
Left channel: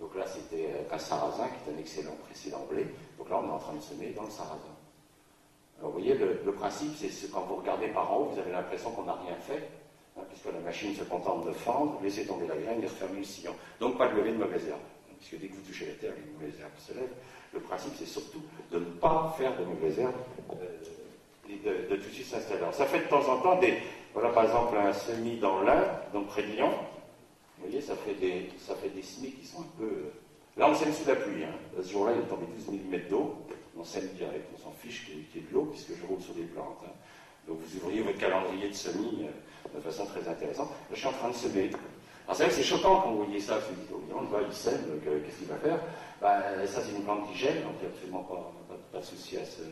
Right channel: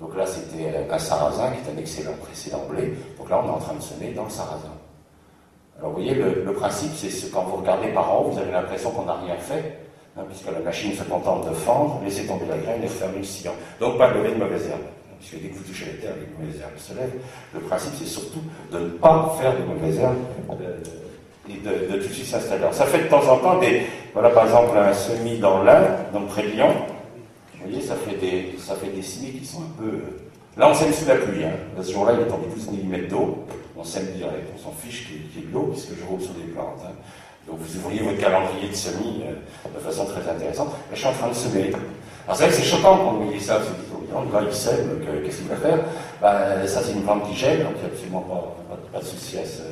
Donc là c'était un sarrasin qui est un excellent précédent blé, donc là on est en train de semer dans le sarrasin. Alors vous voyez, le principe c'est que quand vous regardez par en haut, vous avez l'impression qu'on n'a rien fait, hein, puisque la machine se contente de fendre, laisser tomber la graine et refermer le sillon. Donc pas de lever de mauvaises herbes. Puisque dès que vous touchez la terre, les mauvaises herbes se lèvent. Le principe, c'est surtout de ne pas faire de mauvaises herbes et de tout de suite s'installer. Alors, ça fait de temps en temps voilà par exemple un semis dans l'Ain, donc près de Lyon. Vous voyez, ça fait des semis qui sont un peu. Là, on sème sous la pluie. Hein. Ce jour-là, il est tombé 12 mm d'eau. On sème direct, on s'en fiche qu'il y ait de l'eau, puisque je roule sur des plantes. Hein. Donc vous ouvriez votre calendrier de semis de façon très intéressante. Là, je suis en train de semer. Alors c'est vrai que c'est choquant quand vous voyez ça, vous dites, oh, le gars il sème, qu'est-ce qu'il va faire? Ça c'est une plante qui gèle, donc il n'y a absolument pas de souci à se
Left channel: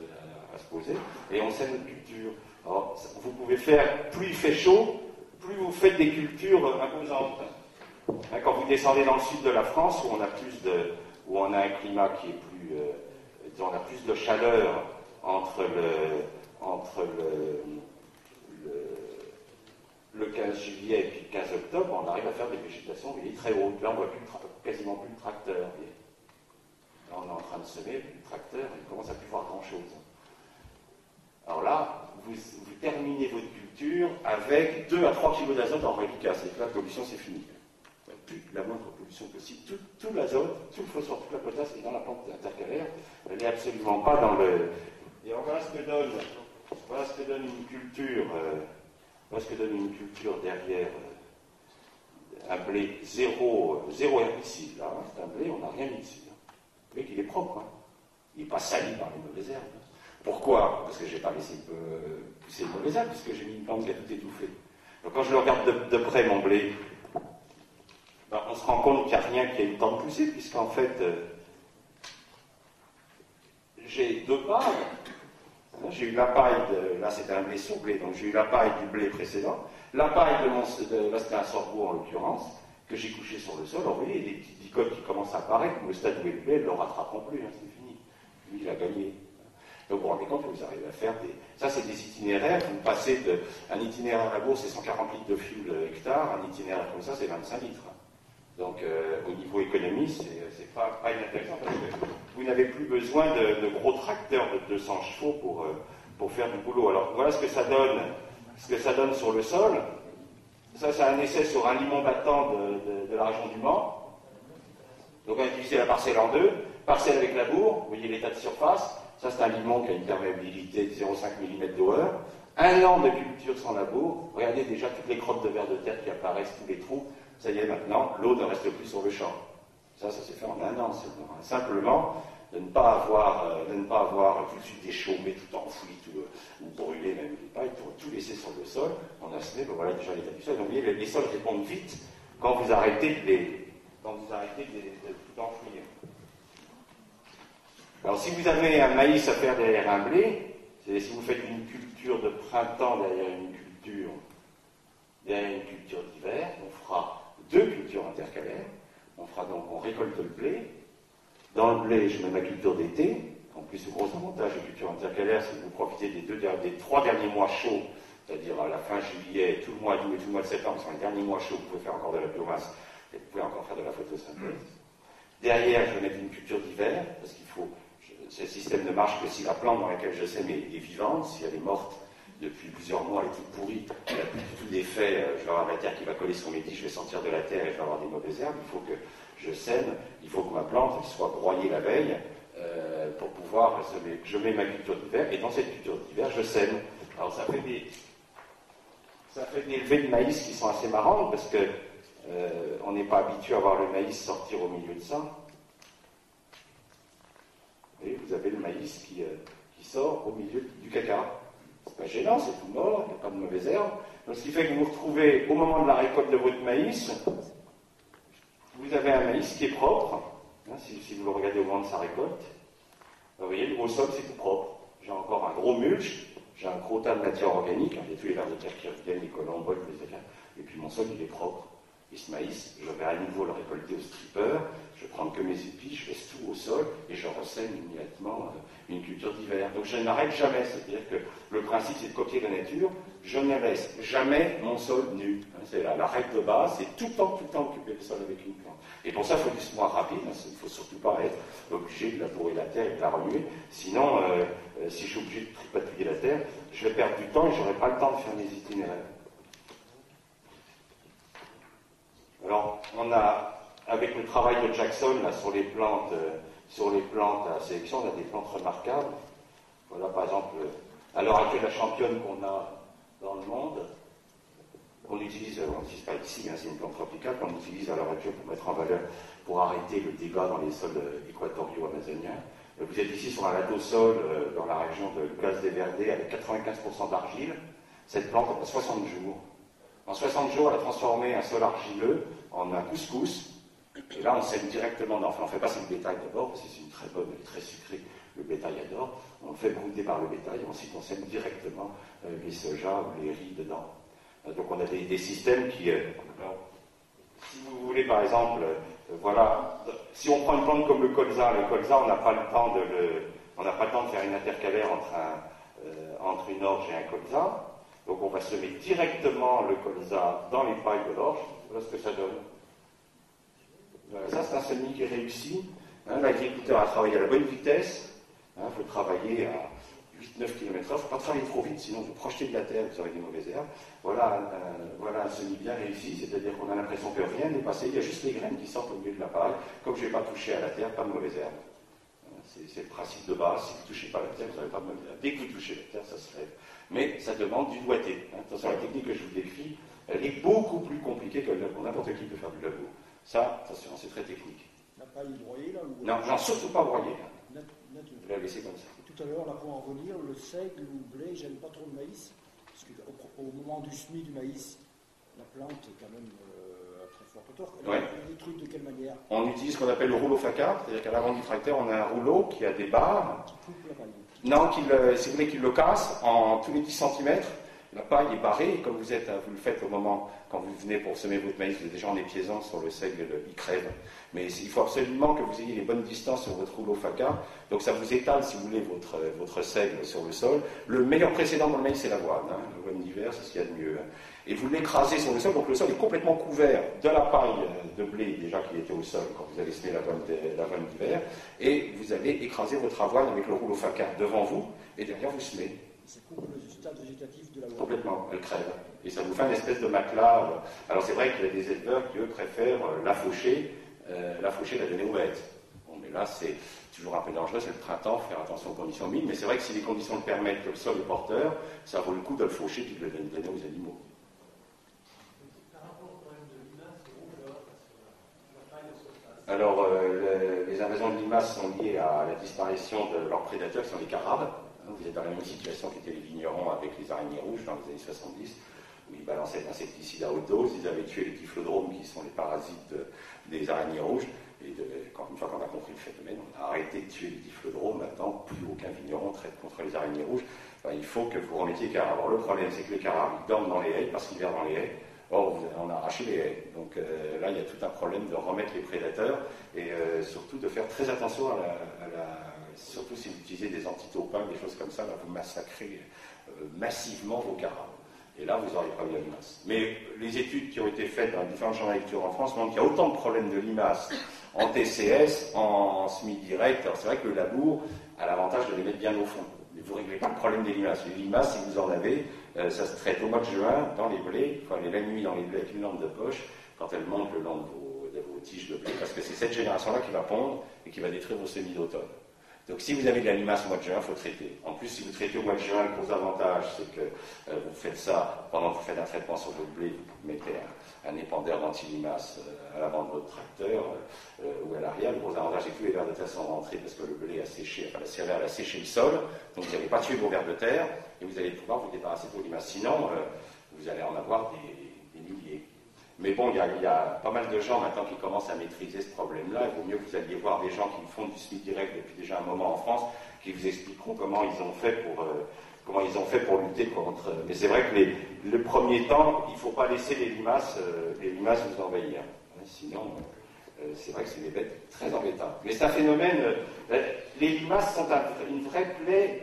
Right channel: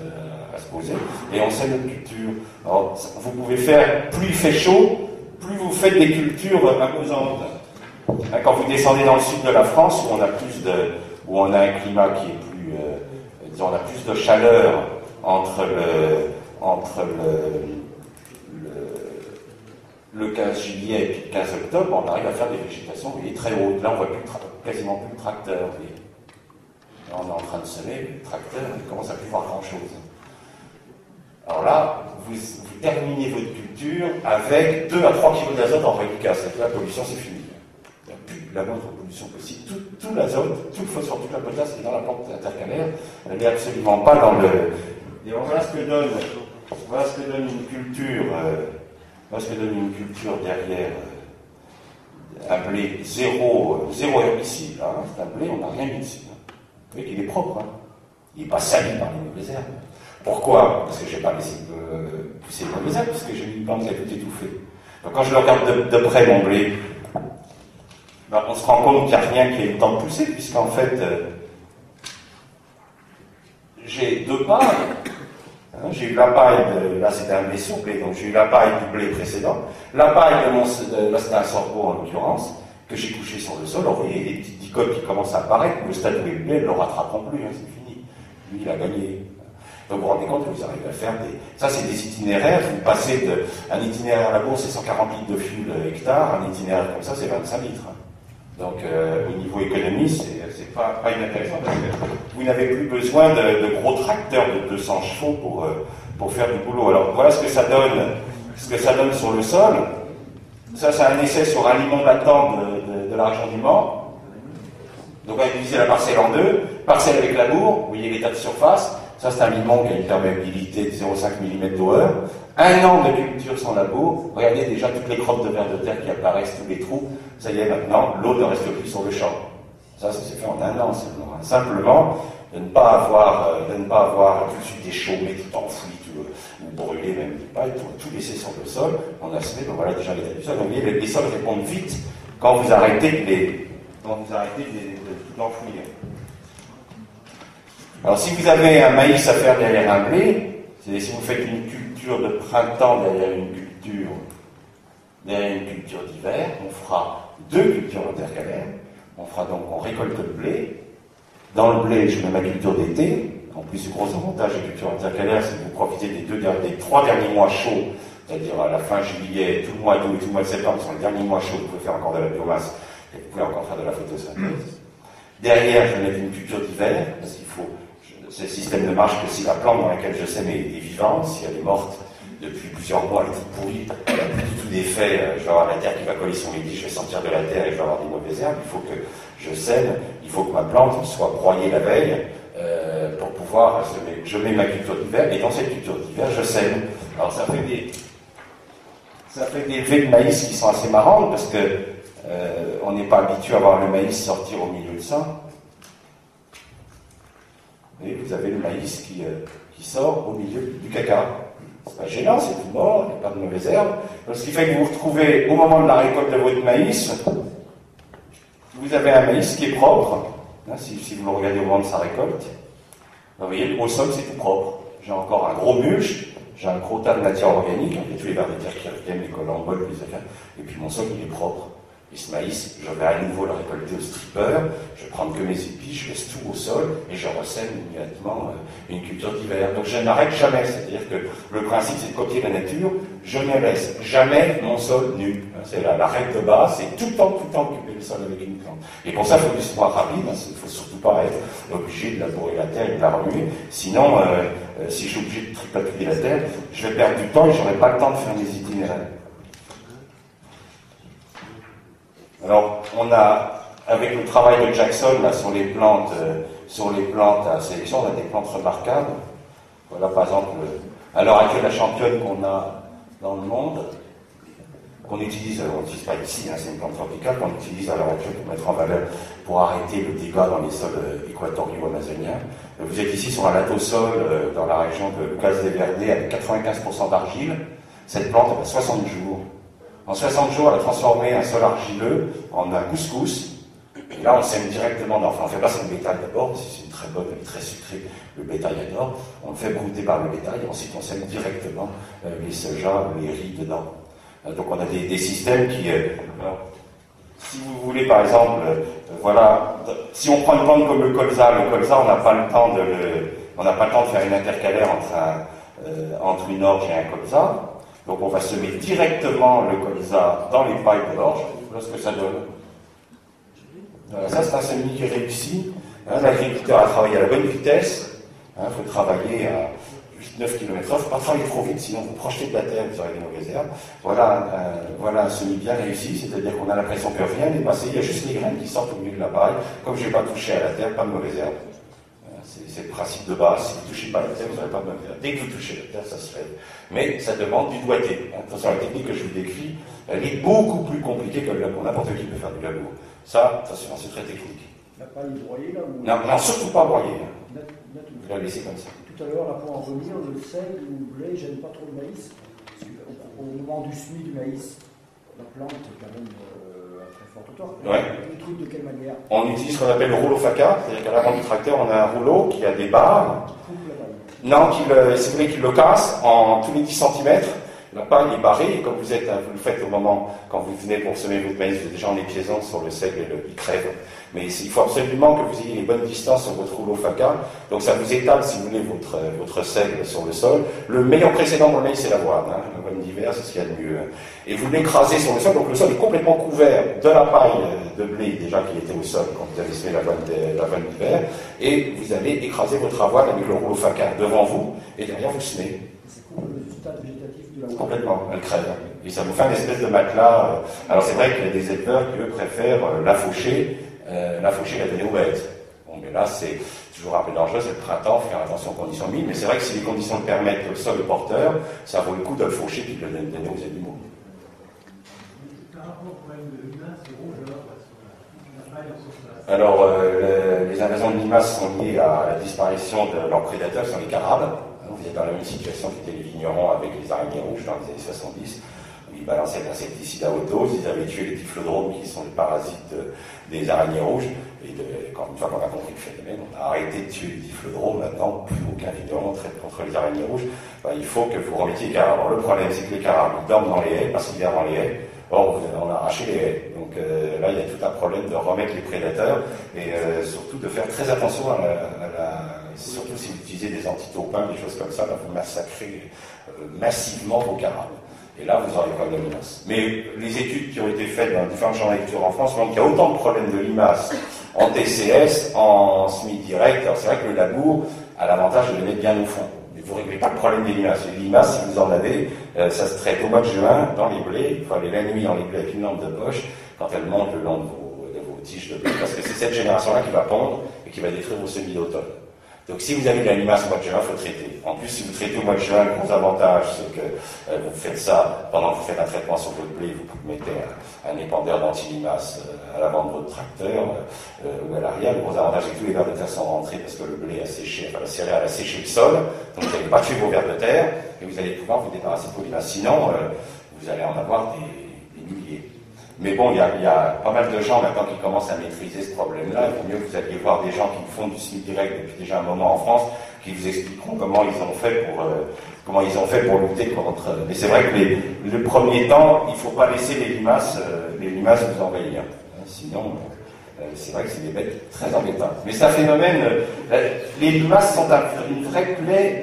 poser. Et on sème notre culture. Alors, vous pouvez faire, plus il fait chaud, plus vous faites des cultures imposantes. Quand vous descendez dans le sud de la France, où on a un climat qui est plus, disons, on a plus de chaleur entre le 15 juillet et puis le 15 octobre, on arrive à faire des végétations, vous voyez, très hautes. Là, on ne voit quasiment plus de tracteur. Vous voyez. Là, on est en train de semer, le tracteur, il commence à plus voir grand-chose. Alors là, vous terminez votre culture avec 2 à 3 kg d'azote en reliquat. C'est-à-dire que la pollution, c'est fini. Il n'y a plus la moindre pollution possible. Tout l'azote, tout le phosphore, toute la potasse est dans la plante intercalaire. Elle n'est absolument pas dans le... Et voilà ce que donne une culture... Parce que donne une culture derrière un blé zéro herbicide, hein, c'est un blé, on n'a rien mis dessus. Hein. Vous voyez qu'il est propre, hein. Il n'est pas sali par les mauvaises herbes. Pourquoi? Parce que je n'ai pas laissé pousser les mauvaises herbes, parce que j'ai mis une plante qui a tout étouffé. Donc quand je le regarde de près, mon blé, on se rend compte qu'il n'y a rien qui ait eu le temps de pousser, puisqu'en fait, j'ai 2 pailles. J'ai eu la paille, là c'était un blé sur blé, donc j'ai eu la paille du blé précédent, la paille là c'était un sorgho en l'occurrence, que j'ai couché sur le sol. Alors vous voyez, les petites dicotes qui commencent à apparaître, le stade où est le blé, ne le rattraperont plus, hein, c'est fini. Lui, il a gagné. Donc vous vous rendez compte que vous arrivez à faire ça c'est des itinéraires, vous passez un itinéraire à la bourse, c'est 140 litres de fuel hectare, un itinéraire comme ça, c'est 25 litres. Hein. Donc au niveau économie, c'est pas inintéressant parce que vous n'avez plus besoin de gros tracteurs de 200 chevaux pour faire du boulot. Alors voilà ce que ça donne sur le sol. Ça, c'est un essai sur un limon latent de la région du Mans. Donc on a divisé la parcelle en 2, parcelle avec labour, vous voyez l'état de surface. Ça, c'est un limon qui a une perméabilité de 0,5 mm d'eau-heure. 1 an de culture sans labour. Regardez déjà toutes les crottes de vers de terre qui apparaissent, tous les trous. Ça y est, maintenant, l'eau ne reste plus sur le champ. Ça s'est fait en 1 an, seulement. Simplement, de ne pas avoir tout de suite des chaumes, tout enfoui, ou brûlé, même des pailles, tout laisser sur le sol. On a semé, voilà déjà l'état du sol. Donc, vous voyez, les sols répondent vite quand vous arrêtez de tout enfouir. Alors, si vous avez un maïs à faire derrière un blé, c'est si vous faites une culture de printemps derrière une culture d'hiver, on fera 2 cultures intercalaires. On récolte le blé. Dans le blé, je mets ma culture d'été. En plus, le gros avantage des cultures intercalaires, c'est que vous profitez des 3 derniers mois chauds, c'est-à-dire à la fin juillet, tout le mois d'août et tout le mois de septembre, sont les derniers mois chauds, vous pouvez faire encore de la biomasse et vous pouvez encore faire de la photosynthèse. Derrière, je vais mettre une culture d'hiver, parce qu'il faut. Ce système ne marche que si la plante dans laquelle je sème est vivante. Si elle est morte depuis plusieurs mois, elle est toute pourrie, elle n'a plus du tout d'effet, je vais avoir la terre qui va coller sur les tiges, je vais sortir de la terre et je vais avoir des mauvaises herbes. Il faut que je sème, il faut que ma plante soit broyée la veille pour pouvoir semer. Je mets ma culture d'hiver et dans cette culture d'hiver, je sème. Alors ça fait des effets de maïs qui sont assez marrantes parce que on n'est pas habitué à voir le maïs sortir au milieu de ça. Et vous avez le maïs qui sort au milieu du caca. C'est pas gênant, c'est tout mort, il n'y a pas de mauvaises herbes. Donc, ce qui fait que vous vous retrouvez au moment de la récolte de votre maïs, vous avez un maïs qui est propre, Hein, si vous le regardez au moment de sa récolte, vous voyez, au sol, c'est tout propre. J'ai encore un gros mulch, j'ai un gros tas de matière organique, il y a tous les vers de terre qui reviennent, les collemboles, les acas, et puis mon sol, il est propre. Et ce maïs, je vais à nouveau le récolter au stripper, je vais prendre que mes épis, je laisse tout au sol, et je ressème immédiatement une culture d'hiver. Donc je n'arrête jamais, c'est-à-dire que le principe, c'est de copier la nature, je ne laisse jamais mon sol nu. C'est la règle de base, c'est tout le temps occuper le sol avec une plante. Et pour ça, il faut du sport rapide, il ne faut surtout pas être obligé de labourer la terre et de la remuer. Sinon, si je suis obligé de tripatouiller la terre, je vais perdre du temps et je n'aurai pas le temps de faire mes itinéraires. Alors, on a, avec le travail de Jackson là, sur les plantes à sélection, on a des plantes remarquables. Voilà, par exemple, à l'heure actuelle, la championne qu'on a dans le monde, qu'on utilise, on n'utilise pas ici, hein, c'est une plante tropicale qu'on utilise à l'heure actuelle pour mettre en valeur, pour arrêter le dégât dans les sols équatoriaux amazoniens. Vous êtes ici sur un latosol dans la région de Lucas de Verde avec 95% d'argile. Cette plante, elle a 60 jours. En 60 jours, elle a transformé un sol argileux en un couscous. Et là, on sème directement. Enfin, on ne fait pas ça le bétail d'abord, si c'est une très bonne, très sucrée, le bétail adore. On le fait brouter par le bétail, et ensuite on sème directement les sojas ou les riz dedans. Donc on a des systèmes qui... alors, si vous voulez, par exemple, voilà, si on prend une plante comme le colza, on n'a pas le temps de faire une intercalaire entre une orge et un colza. Donc on va semer directement le colza dans les pailles de l'orge. Voilà ce que ça donne. Voilà, ça c'est un semis qui réussit. Hein, l'agriculteur a travaillé à la bonne vitesse. Il faut travailler à 8-9 km/h. Il ne faut pas travailler trop vite, sinon vous projetez de la terre, vous aurez des mauvaises herbes. Voilà un semis bien réussi, c'est-à-dire qu'on a l'impression que rien n'est passé, il y a juste les graines qui sortent au milieu de la paille. Comme je n'ai pas touché à la terre, pas de mauvaises herbes. C'est le principe de base, si vous ne touchez pas à la terre, vous n'aurez pas de mauvaises herbes. Dès que vous touchez la terre, ça se lève. Mais ça demande du doigté. Attention, la technique que je vous décris, elle est beaucoup plus compliquée que le labour. N'importe qui peut faire du labour. Ça, attention, c'est très technique. La paille broyée là ou... Non, surtout pas broyée. Vous la laissez comme ça. Tout à l'heure, là, pour en revenir, le seigle ou le blé, j'aime pas trop le maïs. Parce qu'au moment du semis du maïs, la plante est quand même à très forte hauteur. Ouais. On truc de quelle manière? On utilise ce qu'on appelle le rouleau faca, c'est-à-dire qu'à l'avant du tracteur, on a un rouleau qui a des barres. Non, si vous voulez qu'il le casse en tous les 10 cm. La paille est barrée, et comme vous le faites au moment, quand vous venez pour semer votre maïs, vous êtes déjà en épiaisant sur le seigle et il crève. Mais il faut absolument que vous ayez les bonnes distances sur votre rouleau faca. Donc ça vous étale, si vous voulez, votre seigle sur le sol. Le meilleur précédent pour le maïs, c'est l'avoine. Hein. L'avoine d'hiver, c'est ce qu'il y a de mieux. Et vous l'écrasez sur le sol, donc le sol est complètement couvert de la paille de blé, déjà qui était au sol quand vous avez semé l'avoine d'hiver. Et vous allez écraser votre avoine avec le rouleau faca devant vous, et derrière vous semez. C'est cool le stade végétatif de la Complètement, elle crève. Et ça vous fait une espèce de matelas. Alors c'est vrai qu'il y a des éleveurs qui, eux, préfèrent la faucher, la donner aux bêtes. Bon, mais là, c'est toujours un peu dangereux, c'est le printemps, faut faire attention aux conditions humides, mais c'est vrai que si les conditions le permettent, que le sol est porteur, ça vaut le coup de le faucher et de le donner aux animaux. Alors, les invasions de limaces sont liées à la disparition de leurs prédateurs, qui sont les carabes. Vous êtes dans la même situation qu'étaient les vignerons avec les araignées rouges dans les années 70. Ils balançaient l'insecticide à haute dose, ils avaient tué les typhlodromes qui sont les parasites des araignées rouges. Et une fois qu'on a compris le phénomène, on a arrêté de tuer les typhlodromes. Maintenant, plus aucun vigneron traite contre les araignées rouges. Il faut que vous remettiez les carabes. Alors, le problème, c'est que les carabes dorment dans les haies parce qu'ils vivent dans les haies. Or, on a arraché les haies. Donc là, il y a tout un problème de remettre les prédateurs et surtout de faire très attention surtout si vous utilisez des antitaupins, des choses comme ça, là, vous massacrez massivement vos carabes. Et là, vous aurez problème de limaces. Mais les études qui ont été faites dans différents champs de lecture en France montrent qu'il y a autant de problèmes de limaces en TCS, en SMI direct. Alors c'est vrai que le labour a l'avantage de les mettre bien au fond. Mais vous ne réglez pas le problème des limaces. Les limaces, si vous en avez, ça se traite au mois de juin dans les blés. Il faut aller la nuit dans les blés avec une lampe de poche quand elles montent le long de vos tiges de blé. Parce que c'est cette génération-là qui va pondre et qui va détruire vos semis d'automne. Donc si vous avez de la limace au mois de juin, il faut traiter. En plus, si vous traitez au mois de juin, le gros avantage, c'est que vous faites ça pendant que vous faites un traitement sur votre blé, vous mettez un épandeur d'anti-limace à l'avant de votre tracteur ou à l'arrière. Le gros avantage, c'est que tous les vers de terre sont rentrés parce que le blé a séché, enfin la céréale a séché le sol, donc vous n'allez pas tuer vos vers de terre et vous allez pouvoir vous débarrasser de vos limaces. Sinon, vous allez en avoir des milliers. Mais bon, il y a pas mal de gens maintenant qui commencent à maîtriser ce problème-là. Il vaut mieux que vous alliez voir des gens qui font du SMIC direct depuis déjà un moment en France, qui vous expliqueront comment ils ont fait pour lutter contre. Mais c'est vrai que le premier temps, il ne faut pas laisser les limaces vous envahir. Sinon, c'est vrai que c'est des bêtes très embêtantes. Mais c'est un phénomène. Les limaces sont une vraie plaie,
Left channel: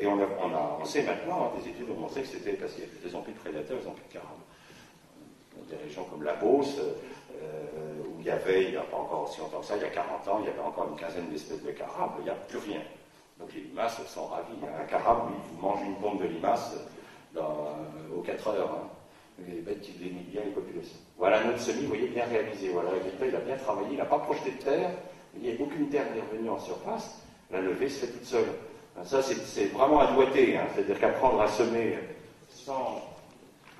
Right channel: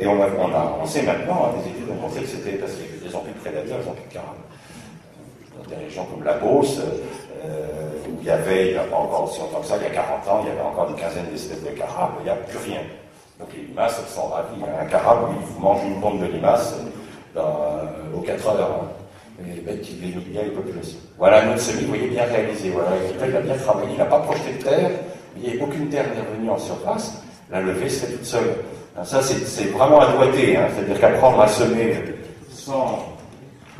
et on sait maintenant, des études ont montré que c'était parce qu'ils ont plus de prédateurs, ils ont plus de carabes. Dans des régions comme la Beauce, où il n'y a pas encore aussi longtemps que ça, il y a 40 ans, il y avait encore une quinzaine d'espèces de carabes, il n'y a plus rien. Donc les limaces sont ravis. Un carabe, il vous mange une bombe de limaces aux 4 heures. Les bêtes qui limitent bien les populations. Voilà notre semis, vous voyez, bien réalisé. Voilà, il a bien travaillé, il n'a pas projeté de terre, il n'y a aucune terre n'est revenue en surface, la levée se fait toute seule. Alors ça, c'est vraiment un doigté, c'est-à-dire qu'apprendre à semer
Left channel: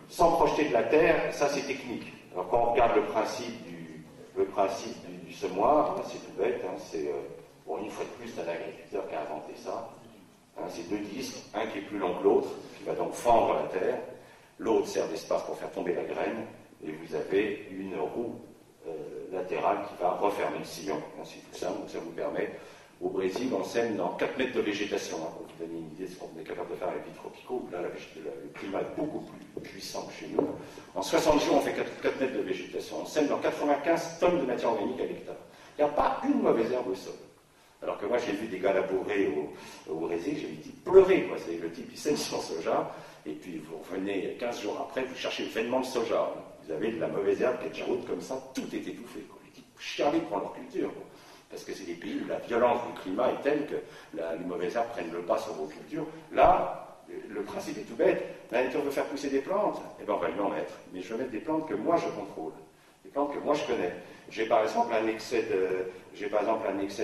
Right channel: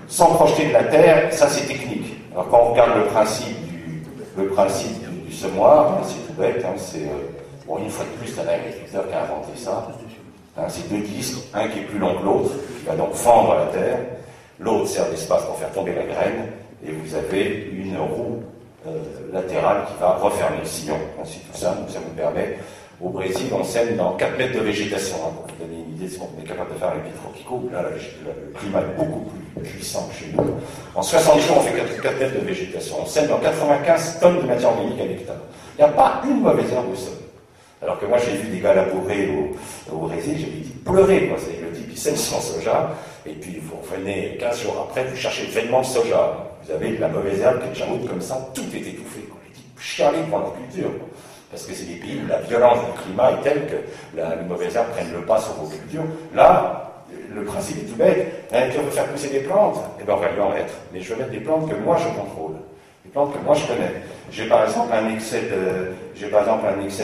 sans projeter de la terre, ça c'est technique. Alors quand on regarde le principe du semoir, c'est tout bête, bon, une fois de plus, c'est un agriculteur qui a inventé ça. C'est 2 disques, un qui est plus long que l'autre, qui va donc fendre la terre. L'autre sert d'espace pour faire tomber la graine, et vous avez une roue latérale qui va refermer le sillon. Ainsi tout ça, donc ça vous permet. Au Brésil, on sème dans 4 mètres de végétation, pour vous donner une idée de ce qu'on est capable de faire avec les tropicaux. Là, le climat est beaucoup plus puissant que chez nous. En 60 jours, on fait 4 mètres de végétation. On sème dans 95 tonnes de matière organique à l'hectare. Il n'y a pas une mauvaise herbe au sol. Alors que moi, j'ai vu des gars labourer au Brésil, j'ai dit pleurer, quoi. C'est le type, il sème son soja, et puis vous revenez 15 jours après, vous cherchez vainement le soja. Vous avez de la mauvaise herbe qui est déjà haute comme ça, tout est étouffé, quoi. Les types chialés pour leur culture, quoi. Parce que c'est des pays où la violence du climat est telle que les mauvaises herbes prennent le pas sur vos cultures. Là, le principe est tout bête. La nature veut faire pousser des plantes, et bien on va lui en mettre. Mais je vais mettre des plantes que moi je contrôle. Des plantes que moi je connais. J'ai par exemple un excès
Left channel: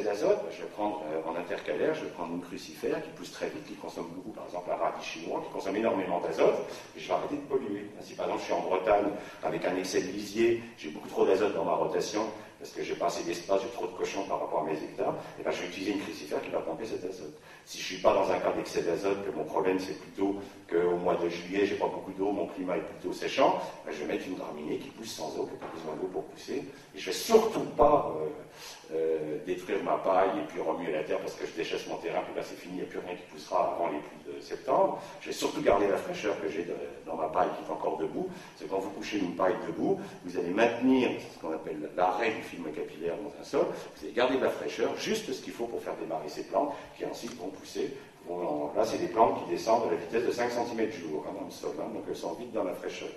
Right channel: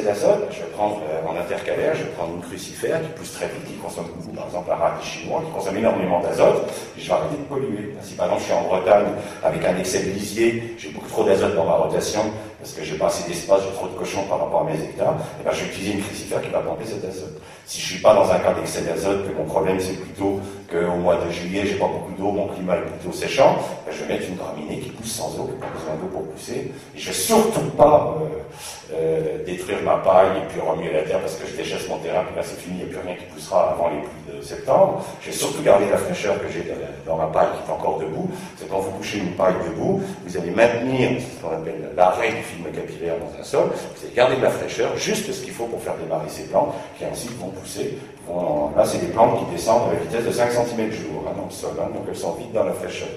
d'azote, je vais prendre en intercalaire, je vais prendre une crucifère qui pousse très vite, qui consomme beaucoup, par exemple un radis chinois, qui consomme énormément d'azote, et je vais arrêter de polluer. Si par exemple je suis en Bretagne avec un excès de lisier, j'ai beaucoup trop d'azote dans ma rotation, parce que j'ai pas assez d'espace, j'ai trop de cochons par rapport à mes hectares, et bien je vais utiliser une crucifère qui va pomper cet azote. Si je suis pas dans un cas d'excès d'azote, que mon problème c'est plutôt qu'au mois de juillet j'ai pas beaucoup d'eau, mon climat est plutôt séchant, ben je vais mettre une graminée qui pousse sans eau, qui n'a pas besoin d'eau pour pousser, et je vais surtout pas détruire ma paille et puis remuer la terre parce que je déchasse mon terrain, puis là c'est fini, il n'y a plus rien qui poussera avant les pluies de septembre. Je vais surtout garder la fraîcheur que j'ai dans ma paille qui est encore debout. C'est quand vous couchez une paille debout, vous allez maintenir ce qu'on appelle l'arrêt du film capillaire dans un sol, vous allez garder de la fraîcheur, juste ce qu'il faut pour faire démarrer ces plantes, qui ensuite vont pousser. Là c'est des plantes qui descendent à la vitesse de 5 cm jour dans le sol, donc elles sont vite dans la fraîcheur.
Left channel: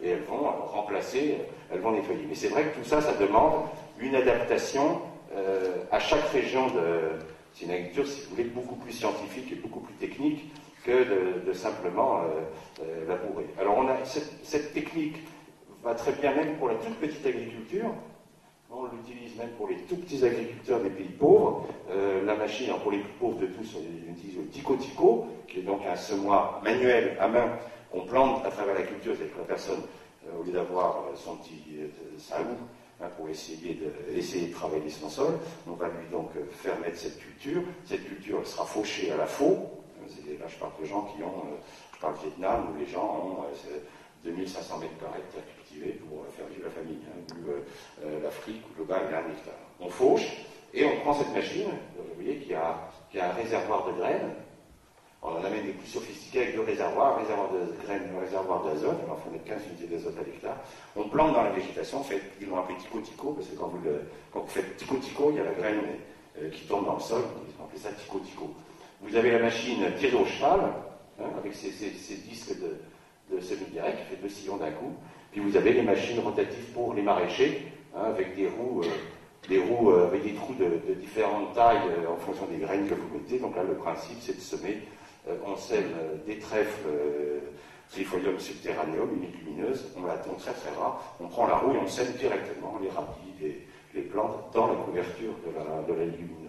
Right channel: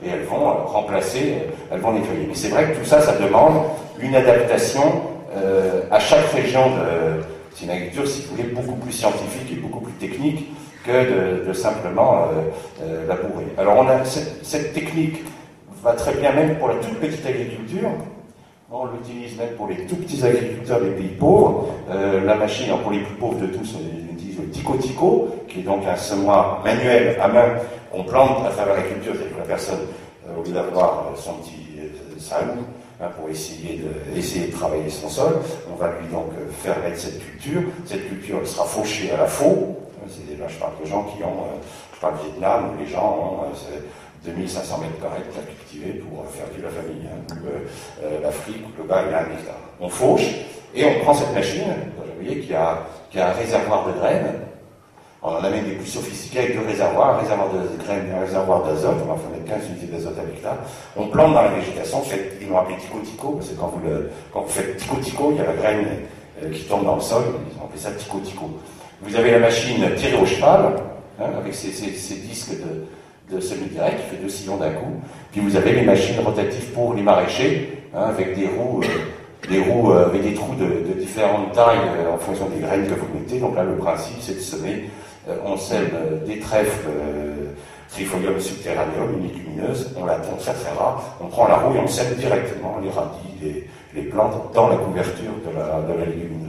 Et elles vont remplacer, elles vont nettoyer. Mais c'est vrai que tout ça, ça demande une adaptation à chaque région. C'est une agriculture, si vous voulez, beaucoup plus scientifique et beaucoup plus technique que de simplement labourer. Alors cette technique va très bien même pour la toute petite agriculture. On l'utilise même pour les tout petits agriculteurs des pays pauvres. La machine, pour les plus pauvres de tous, on utilise le tico-tico, qui est donc un semoir manuel à main qu'on plante à travers la culture, c'est-à-dire que la personne, au lieu d'avoir son petit salon pour essayer de travailler son sol, on va lui donc faire mettre cette culture. Cette culture, elle sera fauchée à la faux. Là, je parle de gens qui ont, je parle du Vietnam, où les gens ont 2500 mètres carrés de terre cultivée pour faire vivre la famille. L'Afrique, où le gars, il a 1 hectare. On fauche, et on prend cette machine, vous voyez, qui a un réservoir de graines. On en amène des plus sophistiqués avec 2 réservoirs, un réservoir de graines et un réservoir d'azote. On va faire mettre 15 unités d'azote à l'hectare. On plante dans la végétation, ils l'ont appelé tico-tico, parce que quand vous faites tico-tico, il y a la graine qui tombe dans le sol, ils ont appelé ça tico-tico. Vous avez la machine tirée au cheval, avec ces disques de semi-direct, qui fait 2 sillons d'un coup. Puis vous avez les machines rotatives pour les maraîchers, avec des roues avec des trous de différentes tailles en fonction des graines que vous mettez. Donc là, le principe, c'est de semer. On sème des trèfles Trifolium subterraneum, une légumineuse, on l'attend très très rare, on prend la roue et on sème directement les radis, les plantes dans la couverture de la légumineuse.